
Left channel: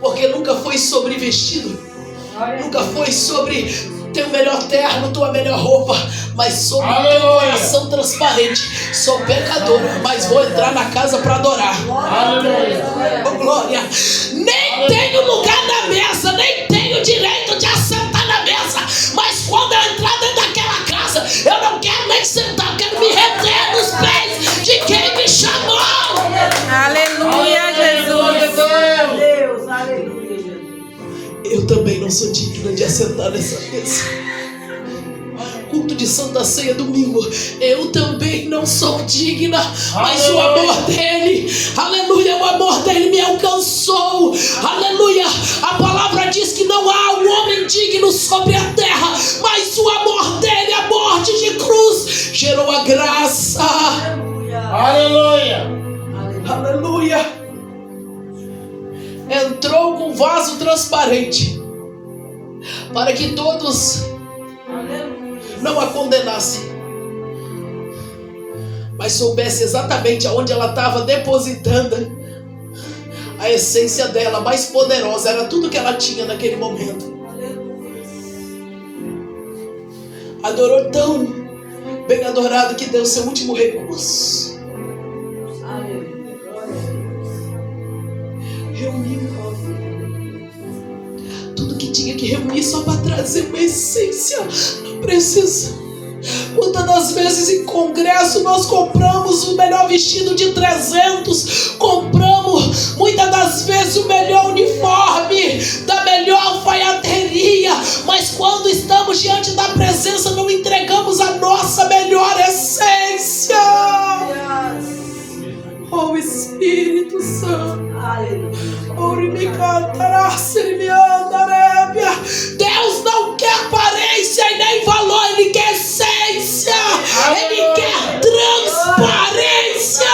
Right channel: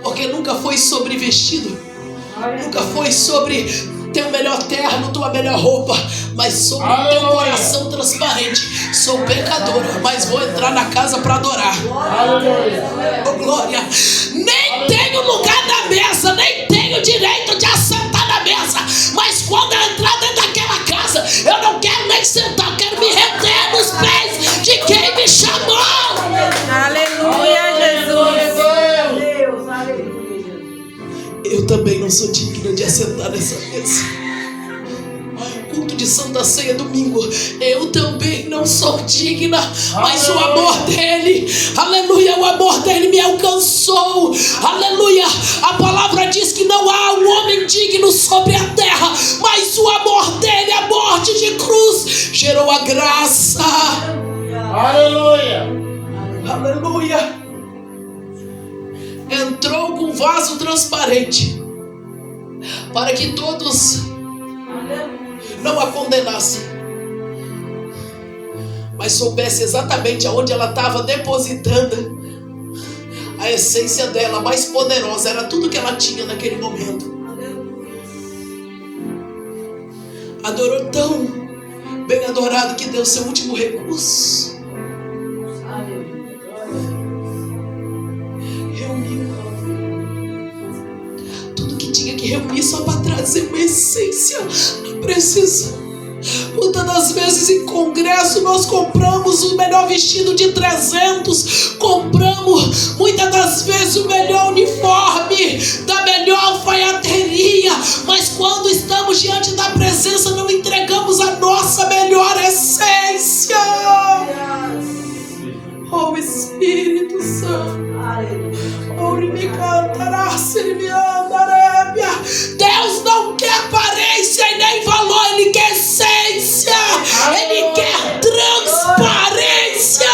porque nunca foi sobre vestido, nunca foi sobre teu melhor terno, tua melhor roupa, mas sobre teu coração transparente. Sou pecadora, mas vou entrar na casa para adorar. Aleluia. Oh, glória. Nem tenho lugar na mesa, nem tenho direito de assentar na mesa, mas quando eu entrar dentro daquela casa, eu não quero nem sentar, eu quero me render nos pés de quem me chamou. Aleluia, Jesus. Deus. Aleluia, Jesus. Eu também não sou digna de assentar nessa mesa. Culto de Santa Ceia domingo, eu também não sou digna, mas o amor dele, aleluia, o amor dele me alcançou, aleluia. A palavra diz que não há um homem digno sobre a terra, mas o amor dele, a morte de cruz, gerou a graça. Aleluia. Aleluia. Entrou com vaso transparente para que todos não a condenassem, mas soubesse exatamente aonde ela estava depositando a essência dela mais poderosa, era tudo que ela tinha naquele momento. Adorou tão bem adorado que deu seu último recurso. Reuniu tudo que tinha que reunir só para trazer uma essência da presença. Muitas das vezes em congresso nós compramos o melhor vestido de 300, compramos muitas das vezes o melhor uniforme da melhor alfaiateria, mas quando estamos diante da presença não entregamos a nossa melhor essência. Oh Espírito Santo, Deus não quer aparência e nem valor, Ele quer essência, Ele quer transparência.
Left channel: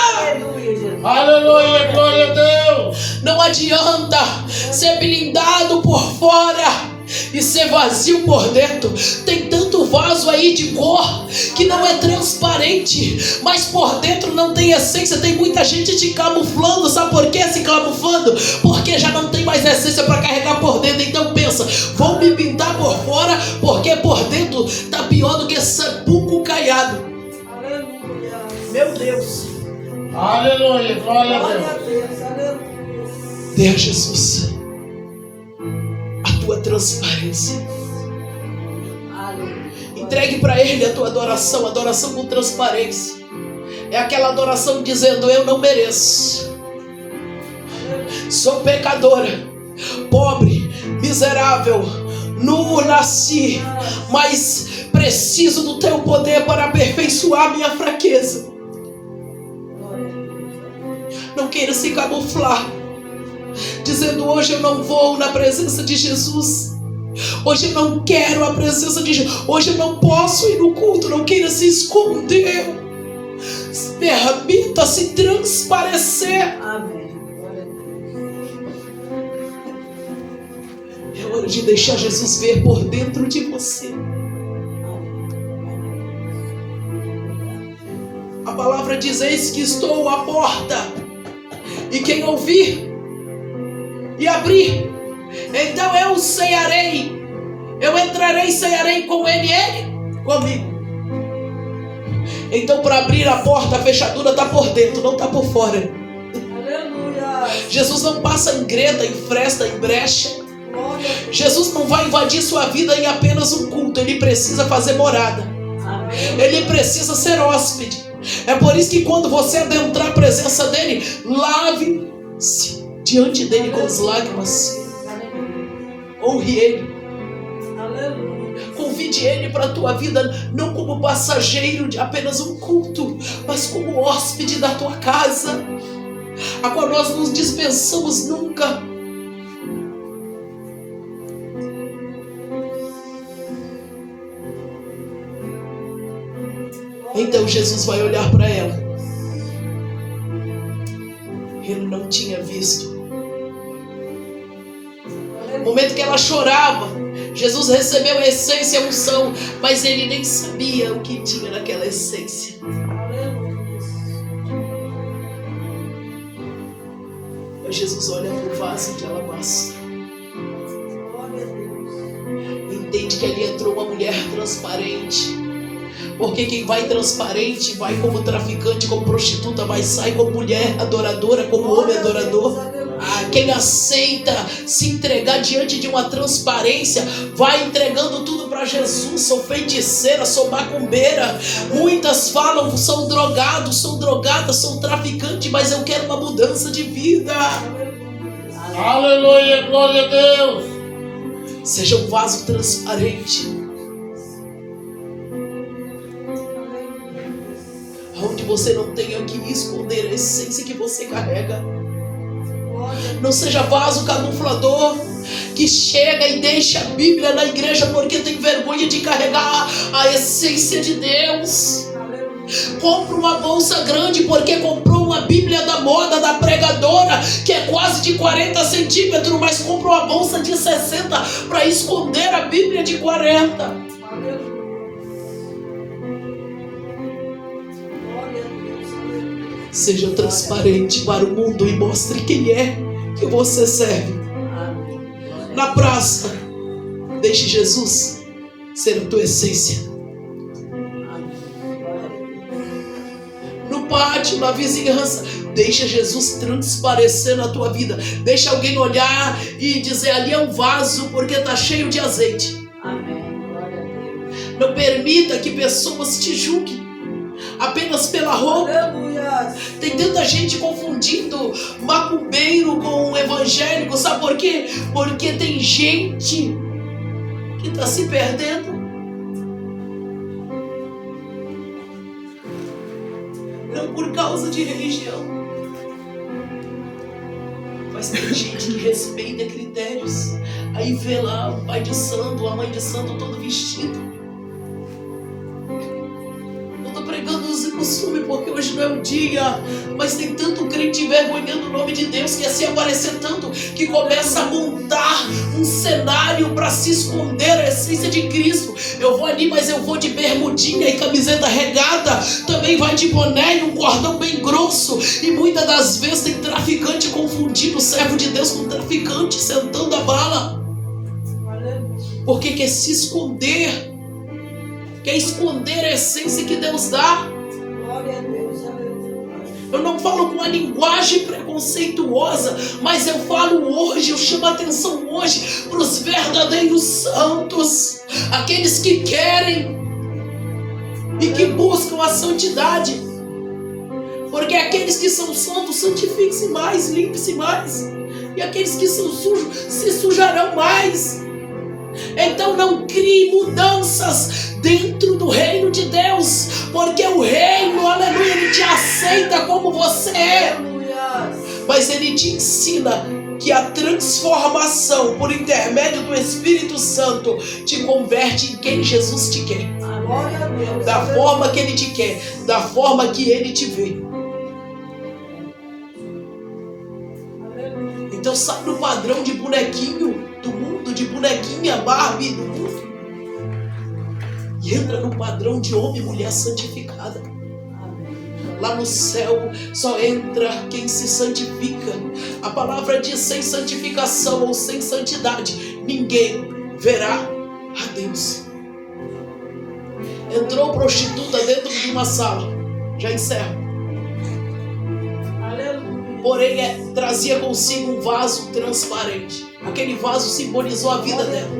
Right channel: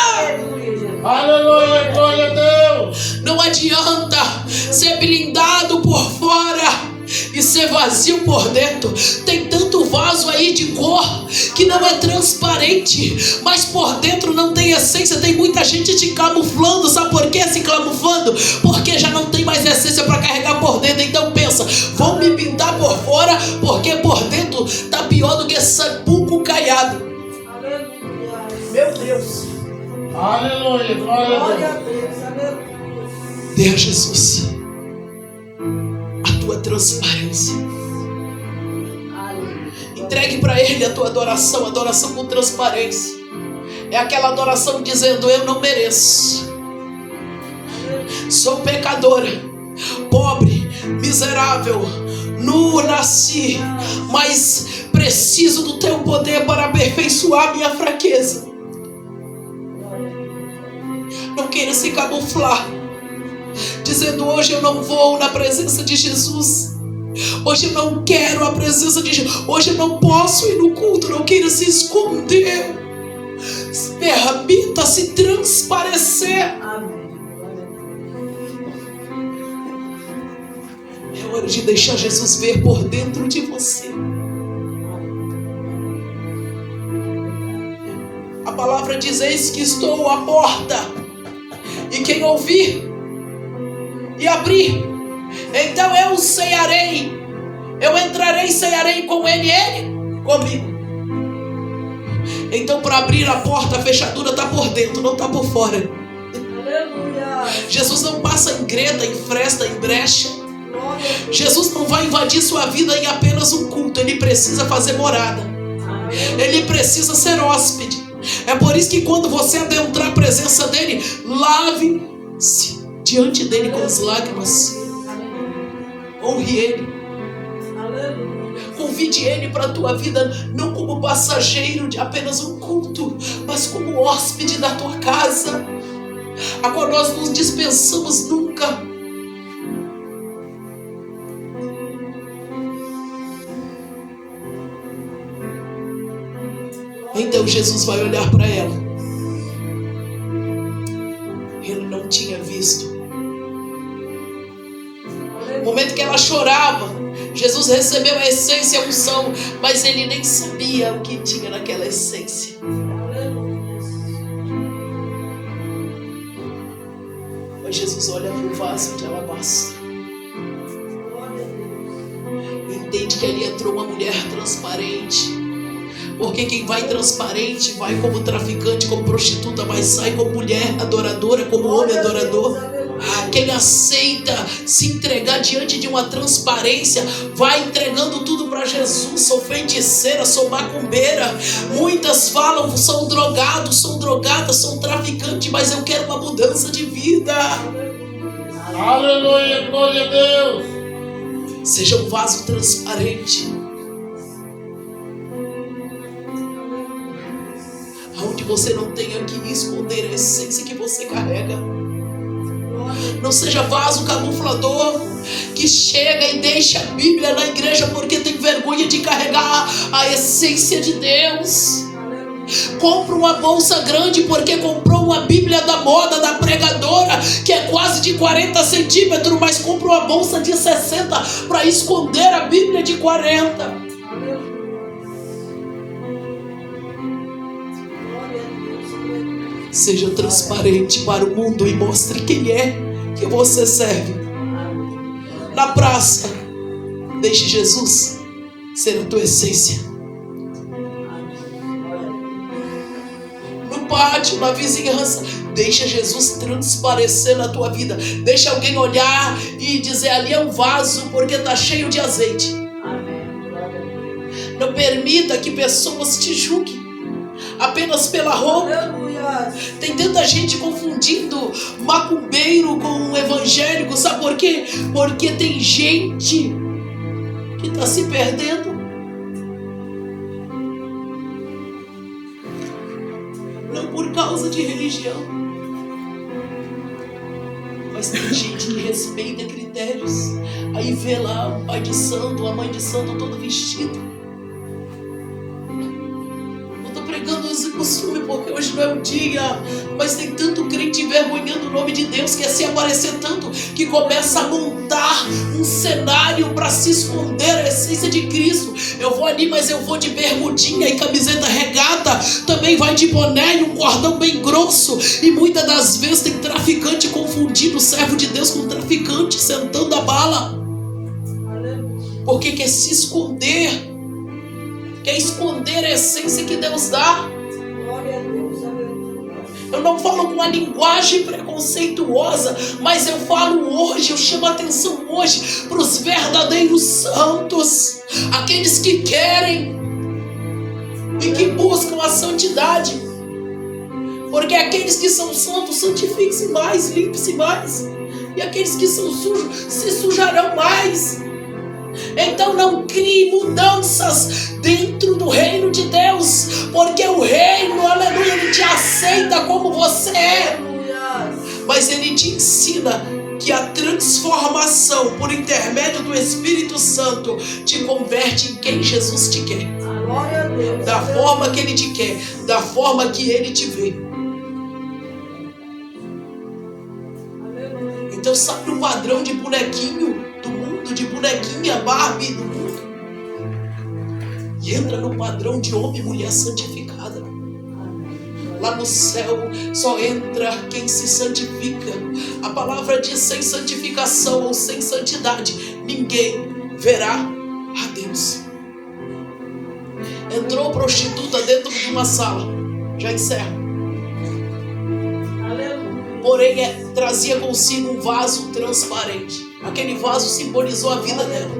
Aleluia, glória a Deus. Não adianta ser blindado por fora e ser vazio por dentro. Tem tanto vaso aí de cor que não é transparente, mas por dentro não tem essência. Tem muita gente te camuflando. Sabe por que se camuflando? Porque já não tem mais essência para carregar por dentro. Então pensa, vão me pintar por fora, porque por dentro tá pior do que sabuco caiado. Aleluia. Meu Deus. Aleluia, glória a Glória a Deus. Deus. Aleluia. Deus Jesus, a tua transparência. Entregue para Ele a tua adoração, adoração com transparência. É aquela adoração dizendo: eu não mereço, sou pecadora, pobre, miserável, nu nasci, mas preciso do teu poder para aperfeiçoar minha fraqueza. Não queira se camuflar dizendo: hoje eu não vou na presença de Jesus, hoje eu não quero a presença de Jesus, hoje eu não posso ir no culto. Não queira se esconder, permita-se transparecer. Amém. É hora de deixar Jesus ver por dentro de você. A palavra diz: eis que estou à porta, e quem ouvir e abrir, então eu cearei, eu entrarei e cearei com ele, ele comigo. Então, para abrir a porta, a fechadura está por dentro, não está por fora. Aleluia. Jesus não passa em greta, em fresta, em brecha. Glória a Deus. Jesus não vai invadir sua vida em apenas um culto. Ele precisa fazer morada, Amém. ele precisa ser hóspede. É por isso que quando você adentrar a presença dele, lave-se diante dele com as lágrimas. Honre ele, Aleluia. convide ele para a tua vida, não como passageiro de apenas um culto, mas como hóspede da tua casa, a qual nós não nos dispensamos nunca. Então Jesus vai olhar para ela. Ele não tinha visto. No momento que ela chorava, Jesus recebeu a essência, a unção, mas ele nem sabia o que tinha naquela essência. Mas Jesus olha para o vaso de alabastro, entende que ali entrou uma mulher transparente. Porque quem vai transparente vai como traficante, como prostituta, mas sai como mulher adoradora, como homem adorador. Quem aceita se entregar diante de uma transparência vai entregando tudo para Jesus. Sou feiticeira, sou macumbeira. Muitas falam: são drogados, sou drogada, sou traficante, mas eu quero uma mudança de vida. Aleluia, glória a Deus. Seja um vaso transparente, onde você não tenha que esconder a essência que você carrega. Não seja vaso camuflador que chega e deixa a Bíblia na igreja porque tem vergonha de carregar a essência de Deus. Compra uma bolsa grande porque comprou uma Bíblia da moda, da pregadora, que é quase de 40 centímetros, mas comprou uma bolsa de 60 para esconder a Bíblia de 40. Seja transparente para o mundo e mostre quem é que você serve. Na praça, deixe Jesus ser a tua essência. No pátio, na vizinhança, deixa Jesus transparecer na tua vida. Deixa alguém olhar e dizer: ali é um vaso porque está cheio de azeite. Não permita que pessoas te julguem apenas pela roupa. Aleluia. Tem tanta gente confundindo macumbeiro com evangélico. Sabe por quê? Porque tem gente que está se perdendo. Não por causa de religião, mas tem gente que respeita critérios. Aí vê lá o pai de santo, a mãe de santo todo vestido. Pregando os costumes porque hoje não é o dia, mas tem tanto crente envergonhando o nome de Deus, que assim aparecer tanto que começa a montar um cenário para se esconder a essência de Cristo. Eu vou ali, mas eu vou de bermudinha e camiseta regata, também vai de boné e um cordão bem grosso, e muitas das vezes tem traficante confundindo o servo de Deus com traficante sentando a bala, porque quer se esconder. Quer esconder a essência que Deus dá. Glória a Deus, aleluia. Eu não falo com uma linguagem preconceituosa, mas eu falo hoje, eu chamo a atenção hoje para os verdadeiros santos, aqueles que querem e que buscam a santidade, porque aqueles que são santos santificam-se mais, limpem-se mais, e aqueles que são sujos se sujarão mais. Então não crie mudanças dentro do reino de Deus, porque o reino, aleluia, ele te aceita como você é, mas ele te ensina que a transformação por intermédio do Espírito Santo te converte em quem Jesus te quer, Glória a Deus, da forma que ele te quer, da forma que ele te vê. Então sabe o padrão de bonequinho do mundo, de bonequinha Barbie do mundo, e entra no padrão de homem e mulher santificada. Lá no céu só entra quem se santifica. A palavra diz: sem santificação ou sem santidade ninguém verá a Deus. Entrou prostituta dentro de uma sala, já encerro. Porém, trazia consigo um vaso transparente. Aquele vaso simbolizou a vida dela.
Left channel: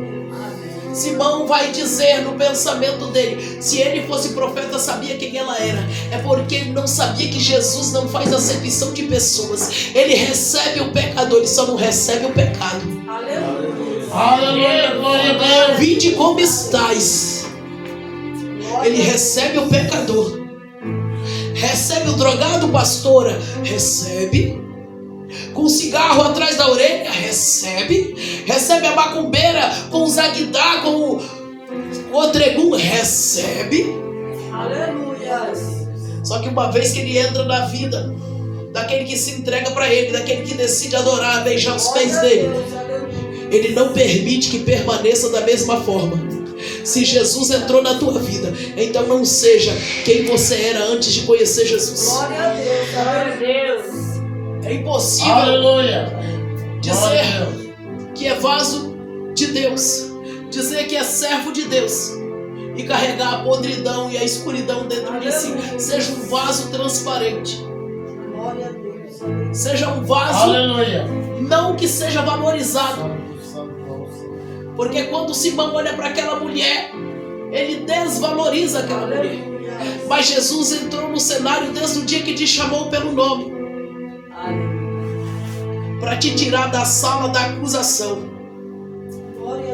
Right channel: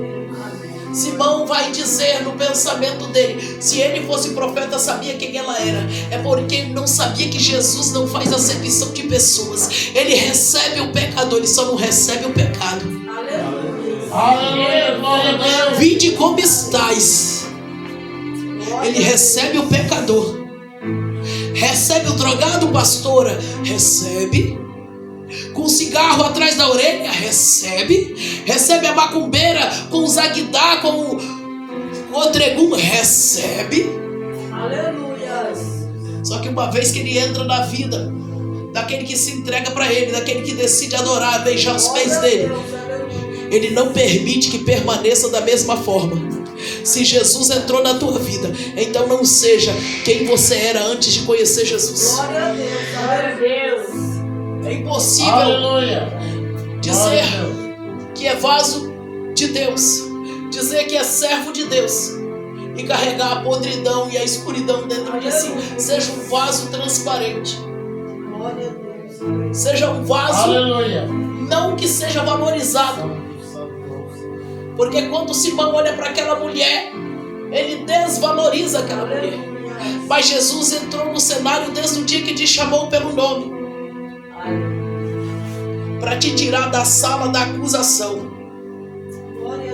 Simão vai dizer no pensamento dele: se ele fosse profeta, sabia quem ela era. É porque ele não sabia que Jesus não faz acepção de pessoas. Ele recebe o pecador, ele só não recebe o pecado. Aleluia, glória a Deus. Vinde como estais. Ele recebe o pecador. Recebe o drogado, pastora? Recebe. Com cigarro atrás da orelha? Recebe. Recebe a macumbeira com o zaguidá, com o odregum? Recebe. Aleluia. Só que uma vez que ele entra na vida daquele que se entrega para ele, daquele que decide adorar, beijar os pés dele, ele não permite que permaneça da mesma forma. Se Jesus entrou na tua vida, então não seja quem você era antes de conhecer Jesus. Glória a Deus, glória a Deus. É impossível Aleluia. dizer que é vaso de Deus, dizer que é servo de Deus e carregar a podridão e a escuridão dentro de si. Seja um vaso transparente. Glória a Deus. Seja um vaso, Aleluia. não que seja valorizado. Porque quando Simão olha para aquela mulher, ele desvaloriza aquela mulher. Mas Jesus entrou no cenário desde o dia que te chamou pelo nome, para te tirar da sala da acusação.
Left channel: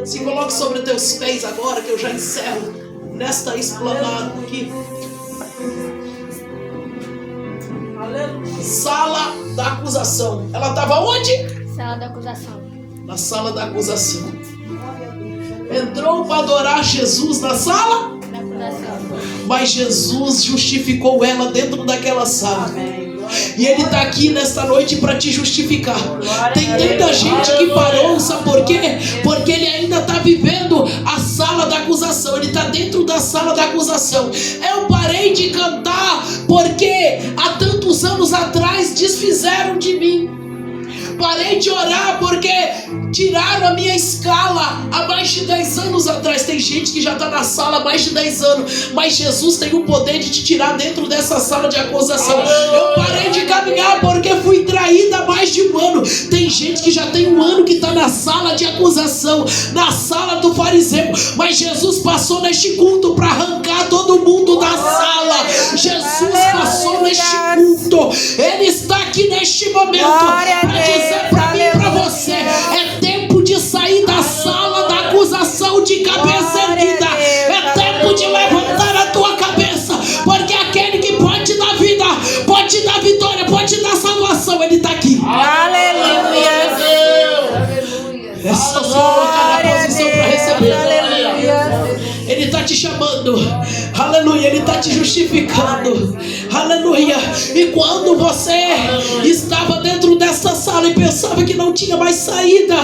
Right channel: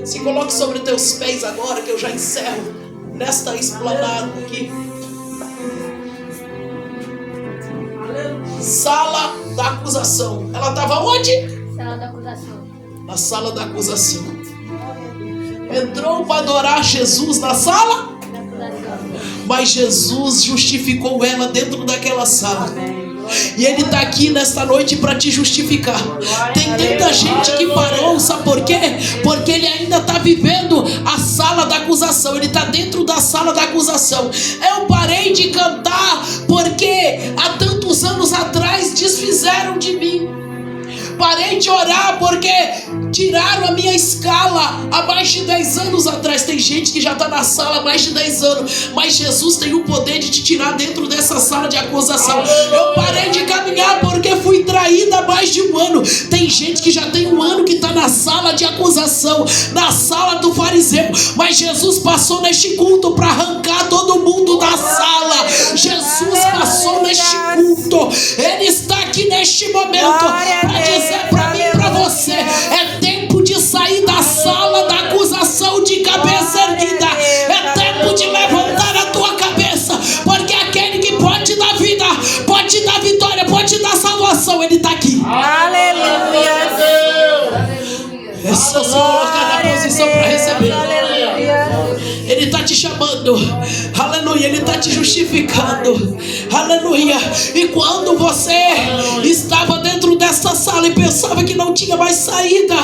Se coloque sobre teus pés agora, que eu já encerro nesta esplanada aqui. Sala da acusação. Ela estava onde? Sala da acusação. Na sala da acusação. Entrou para adorar Jesus na sala, mas Jesus justificou ela dentro daquela sala. E Ele está aqui nesta noite para te justificar. Tem tanta gente que parou, sabe por quê? Porque ele ainda está vivendo a sala da acusação. Ele está dentro da sala da acusação. Eu parei de cantar porque há tantos muitos anos atrás desfizeram de mim. Parei de orar porque tiraram a minha escala há mais de 10 anos atrás. Tem gente que já está na sala há mais de 10 anos, mas Jesus tem o poder de te tirar dentro dessa sala de acusação. Eu parei de caminhar porque fui traída há mais de um ano. Tem gente que já tem um ano que está na sala de acusação, na sala do fariseu, mas Jesus passou neste culto para arrancar todo mundo da sala. Jesus passou neste culto. Ele está aqui neste momento para dizer para mim e para você: é tempo de sair da sala da acusação de cabeça erguida. É tempo de levantar a tua cabeça, porque aquele que pode te dar vida, pode te dar vitória, pode te dar salvação, ele está aqui. Aleluia. É só se colocar na posição para receber. Aleluia. Ele está te chamando, aleluia, Ele está te justificando, aleluia. E quando você estava dentro dessa sala e pensava que não tinha mais saída,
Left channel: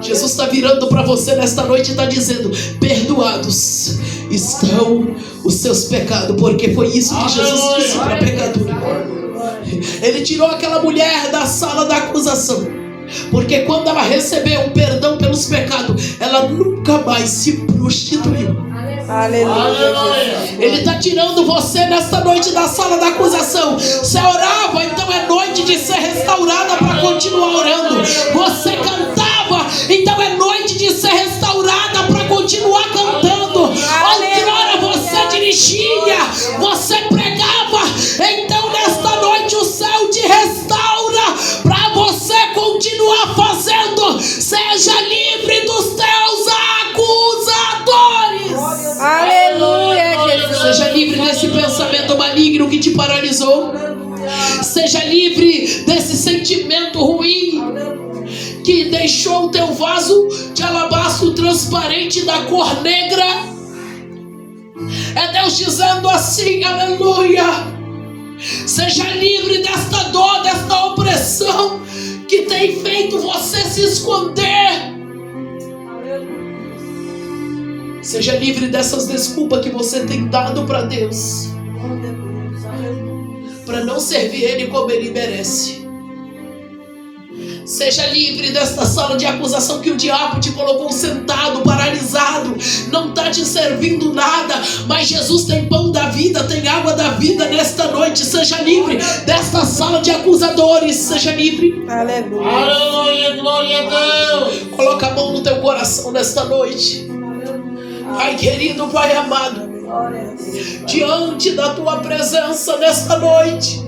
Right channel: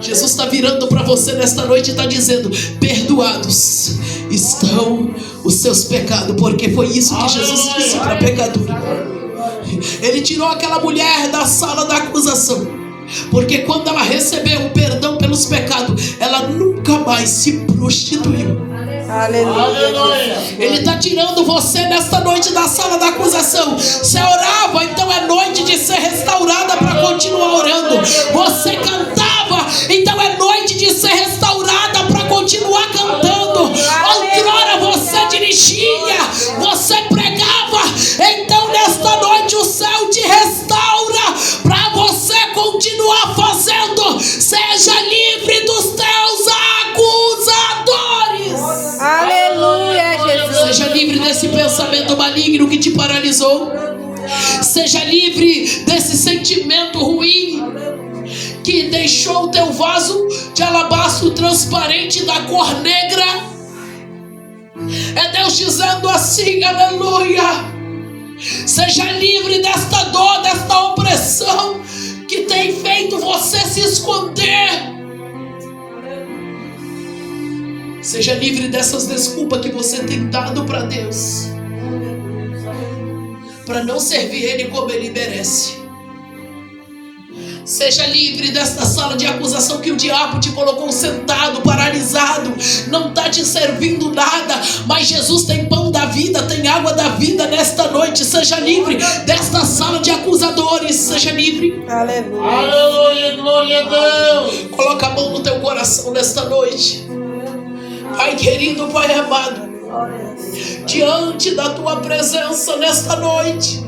Jesus está virando para você nesta noite e está dizendo: perdoados estão os seus pecados, porque foi isso que Jesus disse para pecador. Ele tirou aquela mulher da sala da acusação, porque quando ela recebeu o perdão pelos pecados, ela nunca mais se prostituiu. Aleluia. Ele está tirando você nesta noite da sala da acusação. Você orava, então é noite de ser restaurada para continuar orando. Você cantava, então é noite de ser restaurada para continuar cantando. Outrora você dirigia, você pregava, então nesta noite o céu te restaura para você continuar fazendo. Seja livre dos teus acusadores. Aleluia, Jesus. Seja livre desse pensamento maligno que te paralisou. Seja livre desse sentimento ruim que deixou o teu vaso de alabastro transparente da cor negra. É Deus dizendo assim: aleluia. Seja livre desta dor, desta opressão que tem feito você se esconder. Seja livre dessas desculpas que você tem dado para Deus, para não servir Ele como Ele merece. Seja livre desta sala de acusação que o diabo te colocou sentado, paralisado, não está te servindo nada, mas Jesus tem pão da vida, tem água da vida nesta noite. Seja livre desta sala de acusadores, seja livre. Aleluia. Aleluia, glória a Deus. Coloca a mão no teu coração nesta noite. Pai querido, Pai amado, diante da tua presença nesta noite,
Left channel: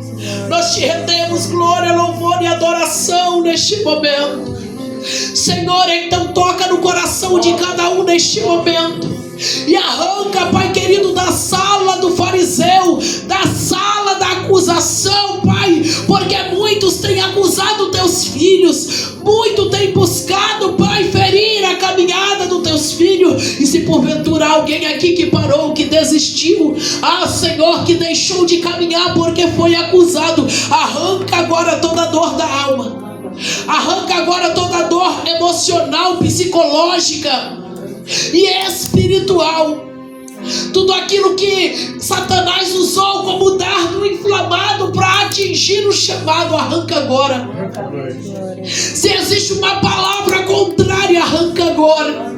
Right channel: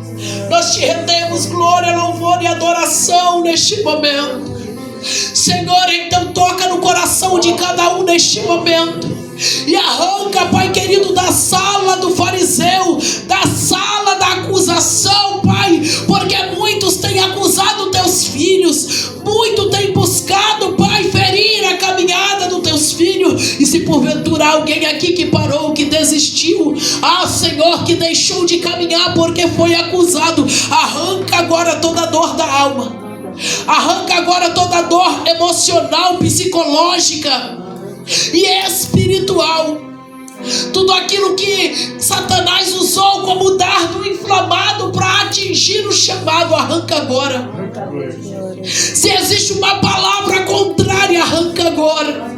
nós te rendemos glória, louvor e adoração neste momento. Senhor, então toca no coração de cada um neste momento e arranca, Pai querido, da sala do fariseu, da sala da acusação, Pai, porque muitos têm acusado teus filhos, muito têm buscado, Pai, ferir a caminhada dos teus filhos. E se porventura há alguém aqui que parou, que desistiu, Senhor, que deixou de caminhar porque foi acusado, arranca agora toda a dor da alma, arranca agora toda a dor emocional, psicológica e espiritual. Tudo aquilo que Satanás usou como dardo inflamado para atingir o chamado, arranca agora. Se existe uma palavra contrária, arranca agora.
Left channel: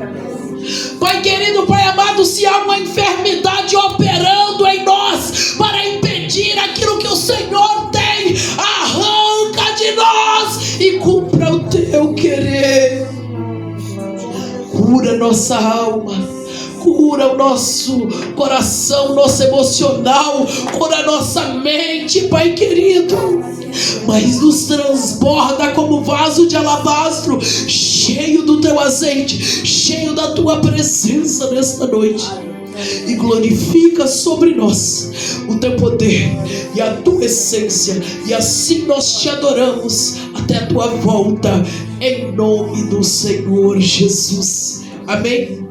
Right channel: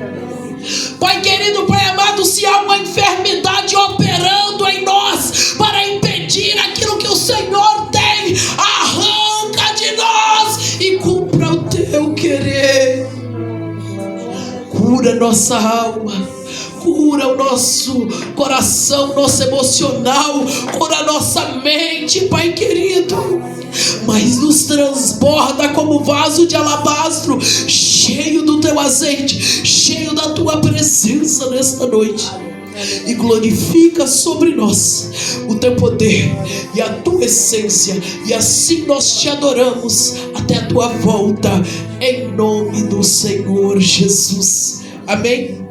Pai querido, Pai amado, se há uma enfermidade operando em nós para impedir aquilo que o Senhor tem, arranca de nós e cumpra o teu querer. Cura nossa alma, cura o nosso coração, nosso emocional, cura a nossa mente, Pai querido, mas nos transborda como vaso de alabastro, cheio do teu azeite, cheio da tua presença nesta noite. E glorifica sobre nós o teu poder e a tua essência, e assim nós te adoramos até a tua volta, em nome do Senhor Jesus. Amém.